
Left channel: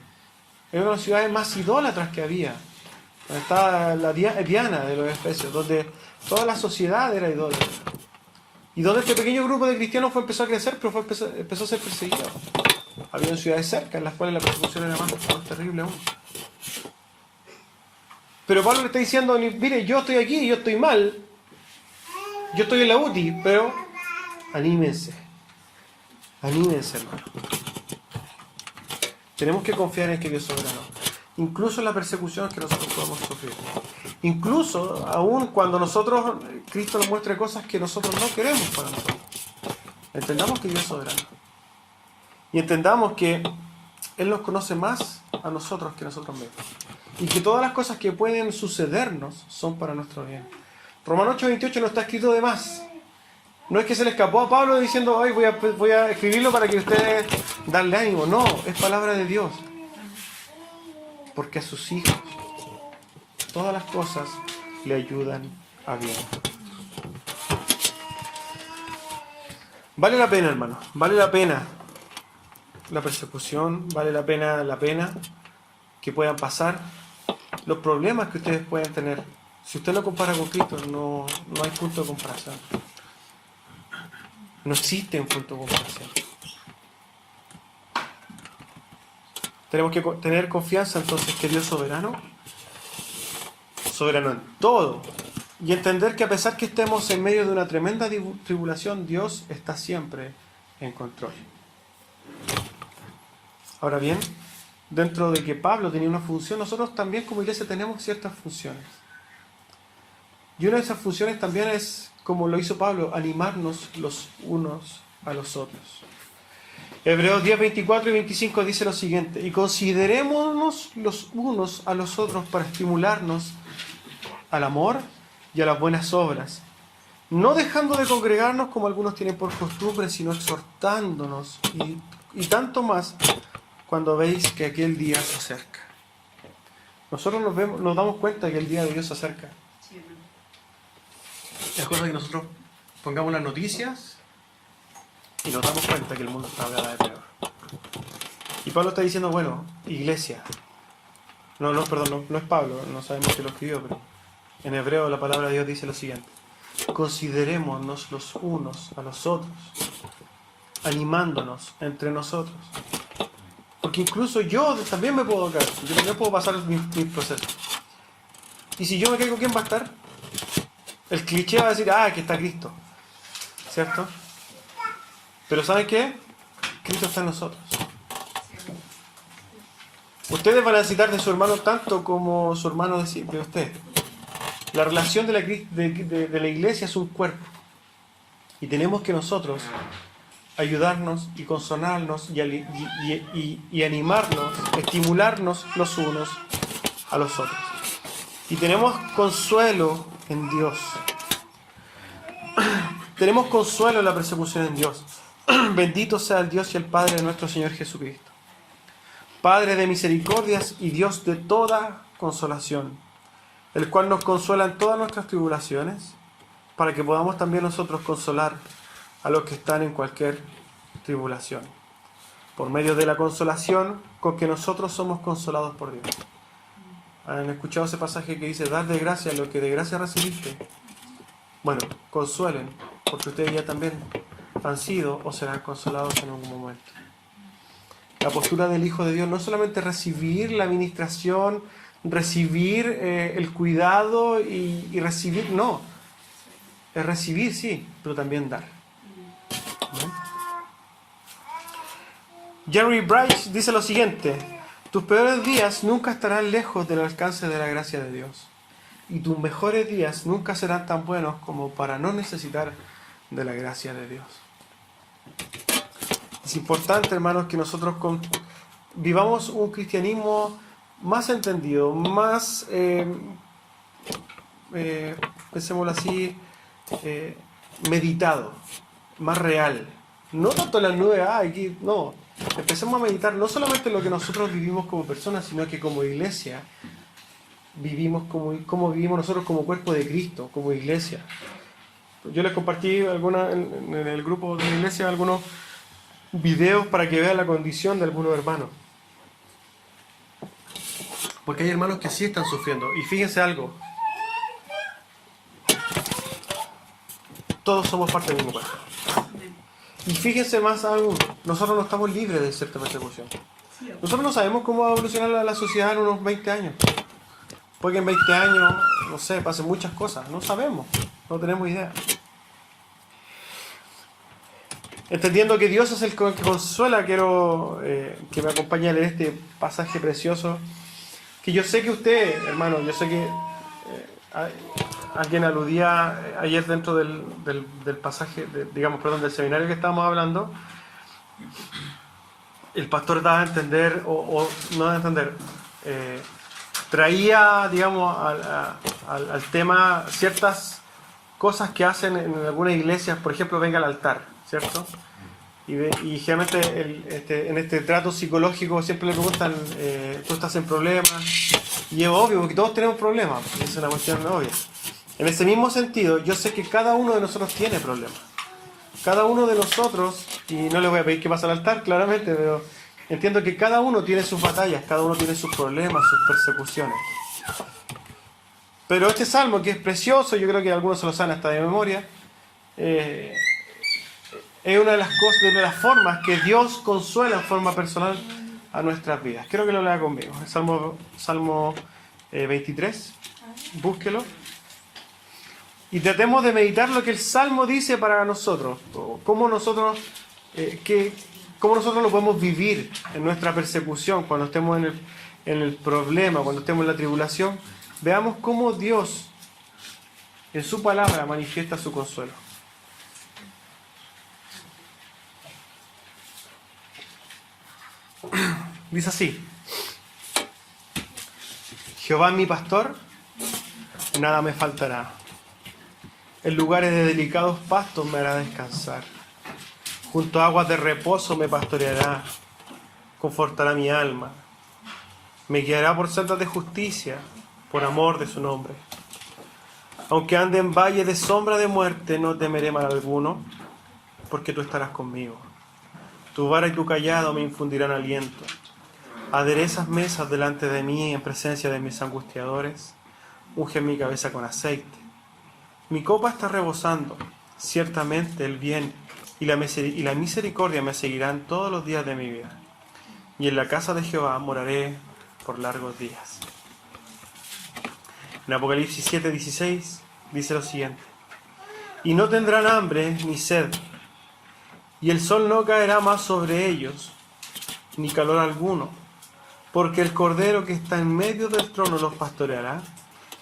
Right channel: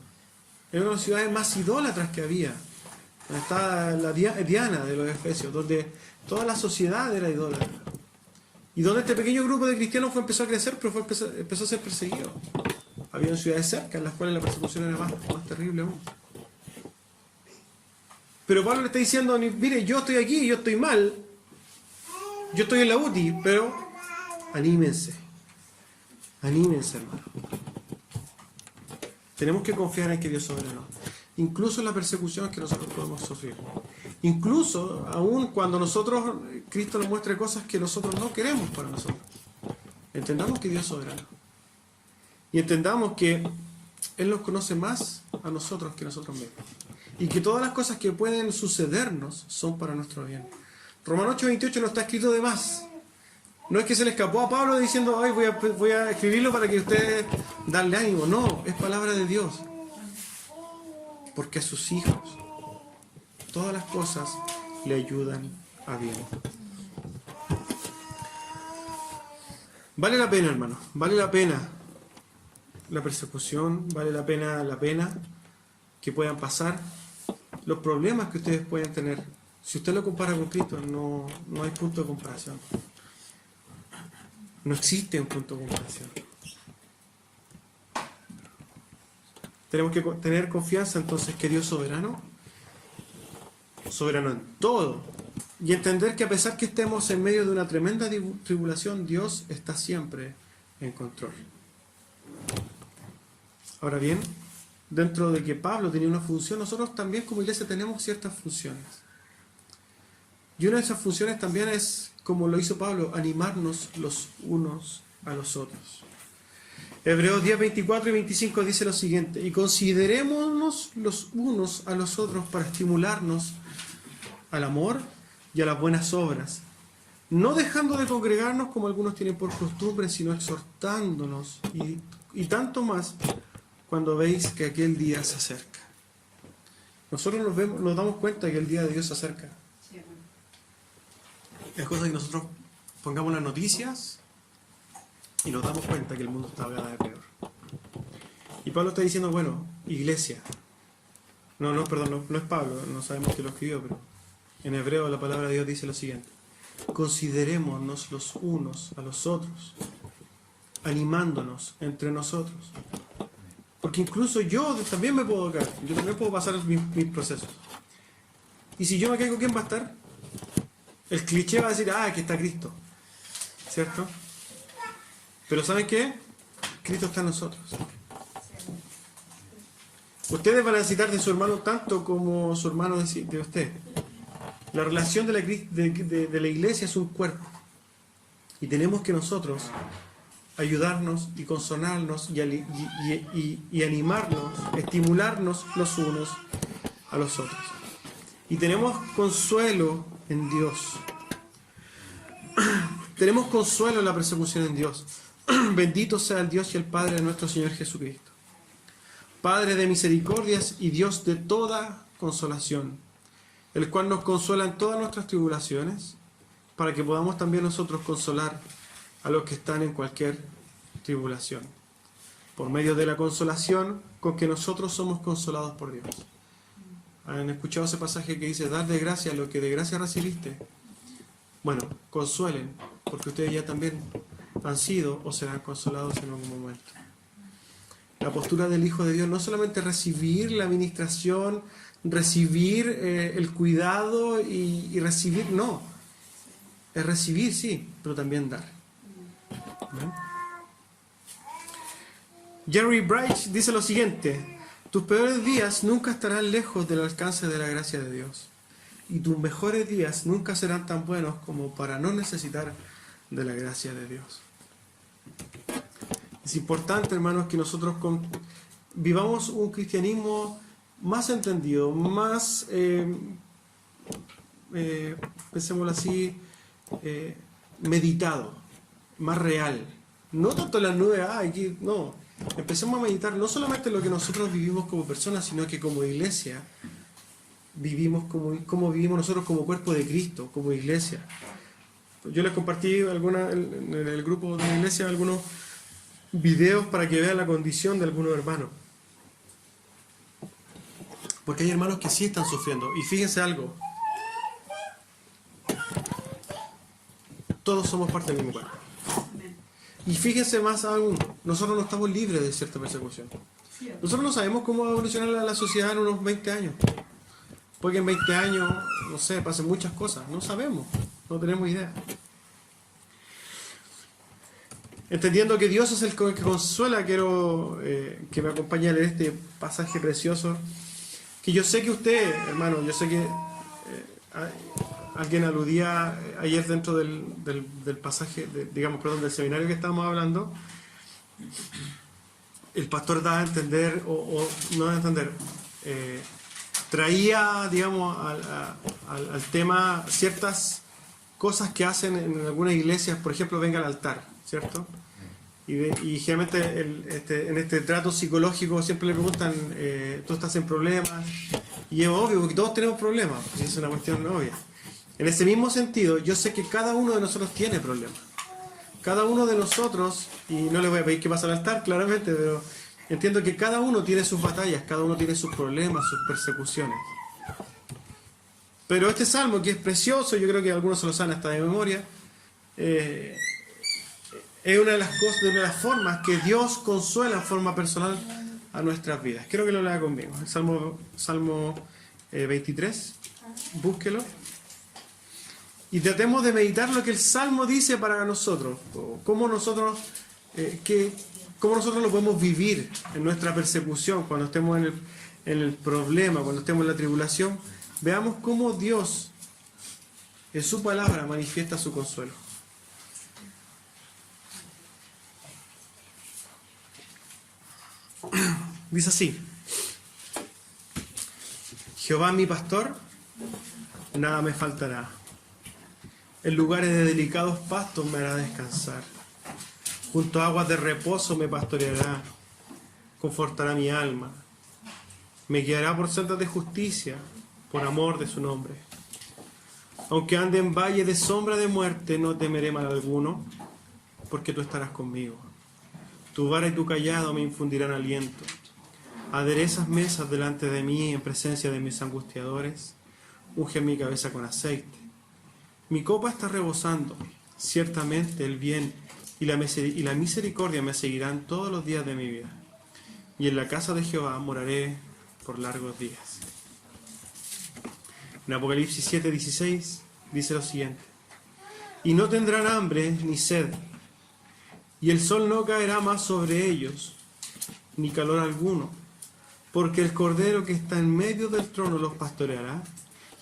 Era una de las ciudades más idólatras que había. Donde estaba la Diana de los efesios, donde toda la sociedad era idólatra. Y donde este pequeño grupo de cristianos empezó a crecer, pero empezó a ser perseguido. Había ciudades cerca en las cuales la persecución era más terrible aún. Pero Pablo le está diciendo, mire, yo estoy aquí, yo estoy mal, yo estoy en la UTI, pero anímense, hermano. Tenemos que confiar en que Dios es soberano, incluso en la persecución que nosotros podemos sufrir. Incluso, aún cuando Cristo nos muestre cosas que nosotros no queremos para nosotros. Entendamos que Dios es soberano. Y entendamos que Él nos conoce más a nosotros que nosotros mismos. Y que todas las cosas que pueden sucedernos son para nuestro bien. Romanos 8:28 no está escrito de más. No es que se le escapó a Pablo diciendo, hoy voy a escribirlo para que ustedes darle ánimo. No, es palabra de Dios. Porque a sus hijos todas las cosas le ayudan a bien. Vale la pena, hermano. Vale la pena la persecución. Vale la pena que puedan pasar. Los problemas que ustedes pueden tener. Si usted lo compara con Cristo, no hay punto de comparación. No existe un punto de comparación. Tenemos que tener confianza entonces que Dios es soberano en todo, y entender que a pesar que estemos en medio de una tremenda tribulación, Dios está siempre en control. Ahora bien, dentro de que Pablo tenía una función, nosotros también como iglesia tenemos ciertas funciones. Y una de esas funciones también es, como lo hizo Pablo, animarnos los unos a los otros. Hebreos 10, 24 y 25 dice lo siguiente: y considerémonos los unos a los otros para estimularnos al amor y a las buenas obras, no dejando de congregarnos como algunos tienen por costumbre, sino exhortándonos, y tanto más cuando veis que aquel día se acerca. Nosotros nos damos cuenta que el día de Dios se acerca. Es cosa que nosotros pongamos las noticias y nos damos cuenta que el mundo está cada vez peor. Y Pablo está diciendo, bueno, iglesia. No es Pablo, no sabemos si lo escribió, pero en hebreo la palabra de Dios dice lo siguiente: considerémonos los unos a los otros, animándonos entre nosotros. Porque incluso yo también me puedo caer, yo también puedo pasar mis procesos. Y si yo me caigo, ¿quién va a estar? El cliché va a decir, aquí está Cristo, ¿cierto? Pero ¿saben qué? Cristo está en nosotros. Ustedes van a necesitar de su hermano tanto como su hermano de usted. La relación de la iglesia es un cuerpo. Y tenemos que nosotros ayudarnos y consolarnos y animarnos, estimularnos los unos a los otros. Y tenemos consuelo en Dios. Tenemos consuelo en la persecución en Dios. Bendito sea el Dios y el Padre de nuestro Señor Jesucristo, Padre de misericordias y Dios de toda consolación, el cual nos consuela en todas nuestras tribulaciones, para que podamos también nosotros consolar a los que están en cualquier tribulación, por medio de la consolación con que nosotros somos consolados por Dios. ¿Han escuchado ese pasaje que dice, dar de gracia lo que de gracia recibiste? Bueno, consuelen, porque ustedes ya también han sido o serán consolados en algún momento. La postura del Hijo de Dios no solamente recibir la administración, recibir el cuidado y recibir, no. Es recibir, sí, pero también dar. ¿no? Jerry Bright dice lo siguiente: tus peores días nunca estarán lejos del alcance de la gracia de Dios, y tus mejores días nunca serán tan buenos como para no necesitar de la gracia de Dios. Es importante, hermanos, que nosotros vivamos un cristianismo más entendido, más, pensémoslo así, meditado, más real. No tanto en las nubes, aquí, no. Empecemos a meditar no solamente lo que nosotros vivimos como personas, sino que como iglesia vivimos como vivimos nosotros como cuerpo de Cristo, como iglesia. Yo les compartí en el grupo de la iglesia algunos videos para que vean la condición de algunos hermanos. Porque hay hermanos que sí están sufriendo. Y fíjense algo. Todos somos parte del mismo cuerpo. Y fíjense más aún, nosotros no estamos libres de cierta persecución. Nosotros no sabemos cómo va a evolucionar la sociedad en unos 20 años. Puede que en 20 años, no sé, pasen muchas cosas. No sabemos, no tenemos idea. Entendiendo que Dios es el que consuela, quiero que me acompañe a leer este pasaje precioso. Que yo sé que usted, hermano, yo sé que alguien aludía ayer dentro del pasaje, del seminario que estábamos hablando. El pastor daba a entender, o no daba a entender, traía, digamos, al tema ciertas cosas que hacen en algunas iglesias, por ejemplo, venga al altar, ¿cierto? Y generalmente en este trato psicológico siempre le preguntan, ¿tú estás en problemas? Y es obvio, porque todos tenemos problemas, es una cuestión obvia. En ese mismo sentido, yo sé que cada uno de nosotros tiene problemas. Cada uno de nosotros, y no le voy a pedir que pase al altar, claramente, pero entiendo que cada uno tiene sus batallas, cada uno tiene sus problemas, sus persecuciones. Pero este salmo, que es precioso, yo creo que algunos se lo saben hasta de memoria, es una de las cosas, de las formas que Dios consuela en forma personal a nuestras vidas. Quiero que lo lea conmigo. El Salmo 23, búsquelo. Y tratemos de meditar lo que el Salmo dice para nosotros, cómo nosotros lo podemos vivir en nuestra persecución, cuando estemos en el problema, cuando estemos en la tribulación. Veamos cómo Dios, en su palabra, manifiesta su consuelo. Dice así: Jehová es mi pastor, nada me faltará. En lugares de delicados pastos me hará descansar. Junto a aguas de reposo me pastoreará, confortará mi alma. Me guiará por sendas de justicia, por amor de su nombre. Aunque ande en valle de sombra de muerte, no temeré mal alguno, porque tú estarás conmigo. Tu vara y tu cayado me infundirán aliento. Aderezas mesas delante de mí en presencia de mis angustiadores. Unge mi cabeza con aceite. Mi copa está rebosando. Ciertamente el bien y la misericordia me seguirán todos los días de mi vida. Y en la casa de Jehová moraré por largos días. En Apocalipsis 7:16 dice lo siguiente: y no tendrán hambre ni sed, y el sol no caerá más sobre ellos, ni calor alguno, porque el Cordero que está en medio del trono los pastoreará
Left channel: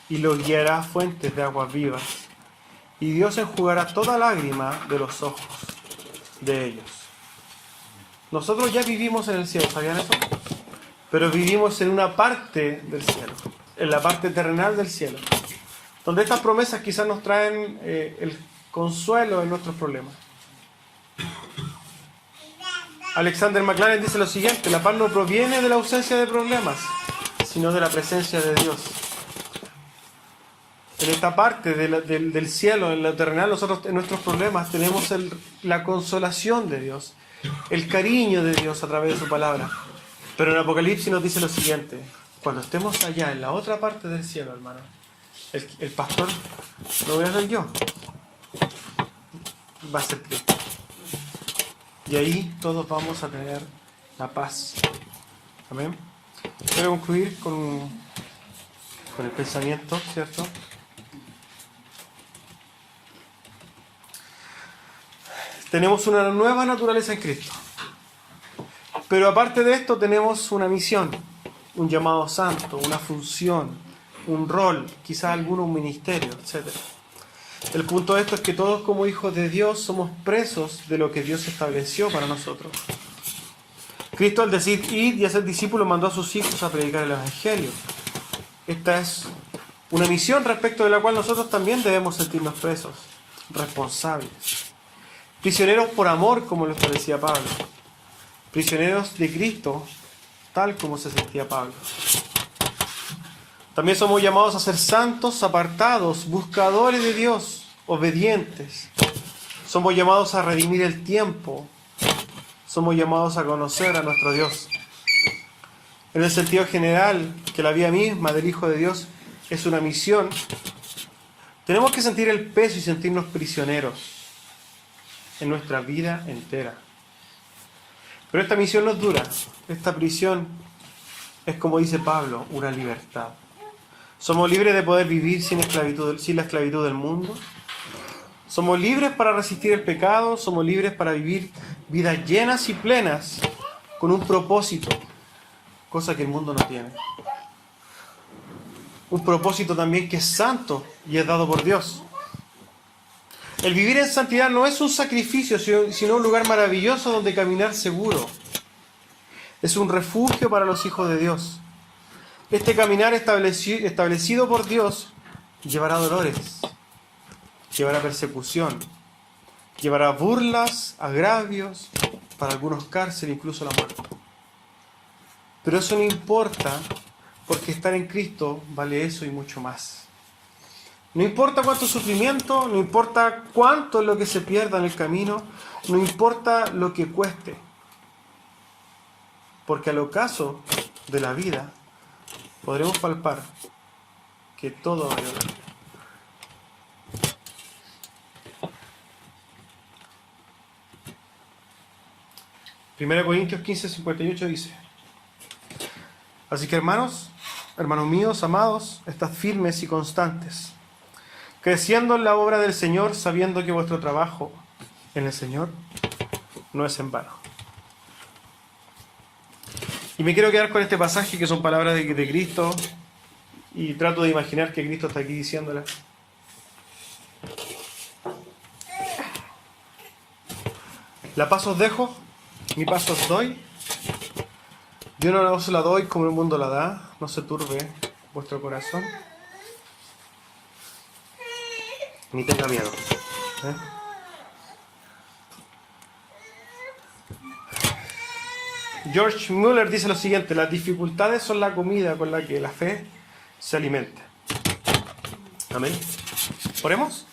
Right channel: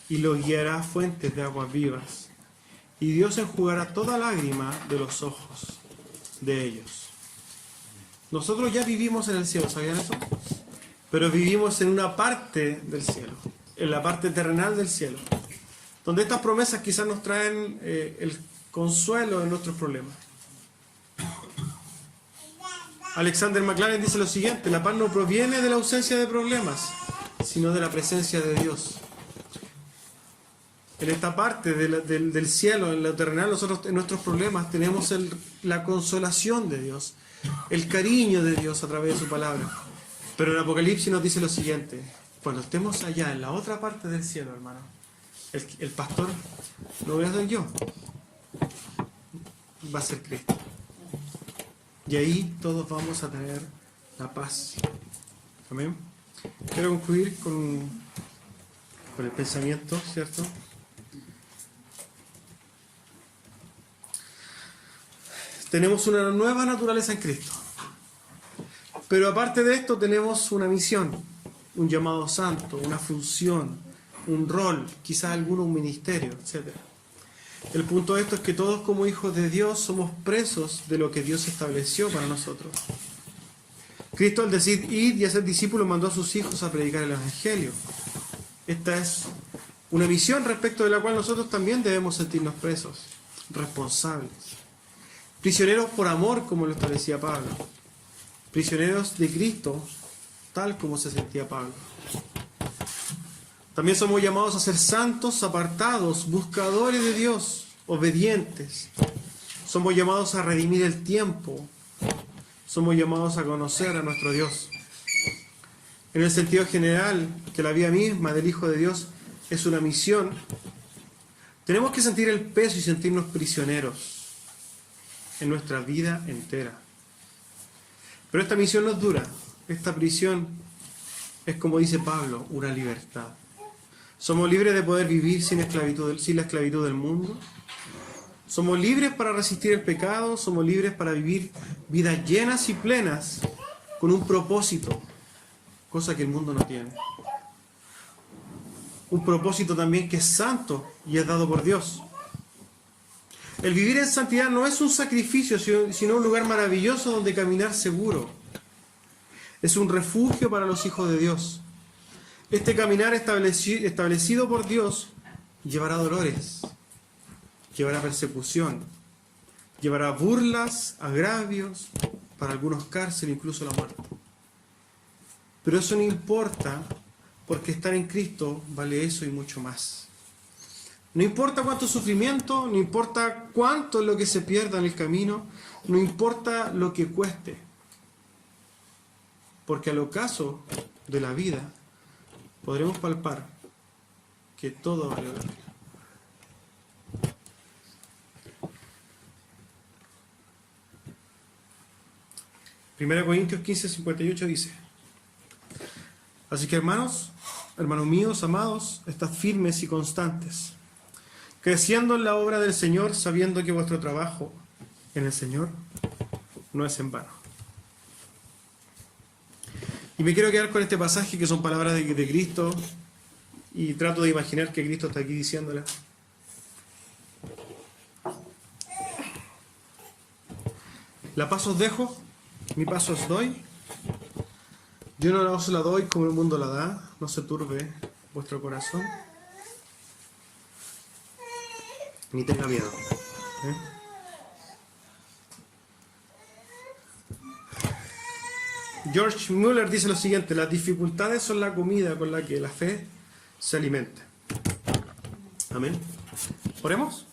y los guiará a fuentes de aguas vivas. Y Dios enjugará toda lágrima de los ojos de ellos. Nosotros ya vivimos en el cielo, ¿sabían eso? Pero vivimos en una parte del cielo, en la parte terrenal del cielo, donde estas promesas quizás nos traen el consuelo en nuestros problemas. Alexander McLaren dice lo siguiente: la paz no proviene de la ausencia de problemas, sino de la presencia de Dios. En esta parte del cielo, en lo terrenal, nosotros en nuestros problemas tenemos la consolación de Dios, el cariño de Dios a través de su palabra. Pero en Apocalipsis nos dice lo siguiente: cuando estemos allá, en la otra parte del cielo, hermano, el pastor no voy a ser yo, va a ser Cristo. Y ahí todos vamos a tener la paz. Amén. Quiero concluir con el pensamiento, ¿cierto? Tenemos una nueva naturaleza en Cristo. Pero aparte de esto tenemos una misión, un llamado santo, una función, un rol, quizás alguno un ministerio, etc. El punto de esto es que todos como hijos de Dios somos presos de lo que Dios estableció para nosotros. Cristo, al decir id y hacer discípulos, mandó a sus hijos a predicar el Evangelio. Esta es una misión respecto de la cual nosotros también debemos sentirnos presos, responsables. Prisioneros por amor, como lo establecía Pablo. Prisioneros de Cristo, tal como se sentía Pablo. También somos llamados a ser santos, apartados, buscadores de Dios, obedientes. Somos llamados a redimir el tiempo. Somos llamados a conocer a nuestro Dios. En el sentido general, que la vida misma del Hijo de Dios es una misión, tenemos que sentir el peso y sentirnos prisioneros en nuestra vida entera. Pero esta misión no es dura. Esta prisión es, como dice Pablo, una libertad. Somos libres de poder vivir sin la esclavitud del mundo. Somos libres para resistir el pecado. Somos libres para vivir vidas llenas y plenas con un propósito, cosa que el mundo no tiene. Un propósito también que es santo y es dado por Dios. El vivir en santidad no es un sacrificio, sino un lugar maravilloso donde caminar seguro. Es un refugio para los hijos de Dios. Este caminar establecido por Dios llevará dolores, llevará persecución, llevará burlas, agravios, para algunos cárcel, incluso la muerte. Pero eso no importa, porque estar en Cristo vale eso y mucho más. No importa cuánto sufrimiento, no importa cuánto es lo que se pierda en el camino, no importa lo que cueste. Porque al ocaso de la vida podremos palpar que todo valió la pena. 1 Corintios 15:58 dice: así que hermanos míos, amados, estad firmes y constantes, creciendo en la obra del Señor, sabiendo que vuestro trabajo en el Señor no es en vano. Y me quiero quedar con este pasaje, que son palabras de Cristo, y trato de imaginar que Cristo está aquí diciéndolas. La paz os dejo, mi paz os doy. Yo no os la doy como el mundo la da. No se turbe vuestro corazón, ni tenga miedo. George Mueller dice lo siguiente: las dificultades son la comida con la que la fe se alimenta. Amén. Oremos.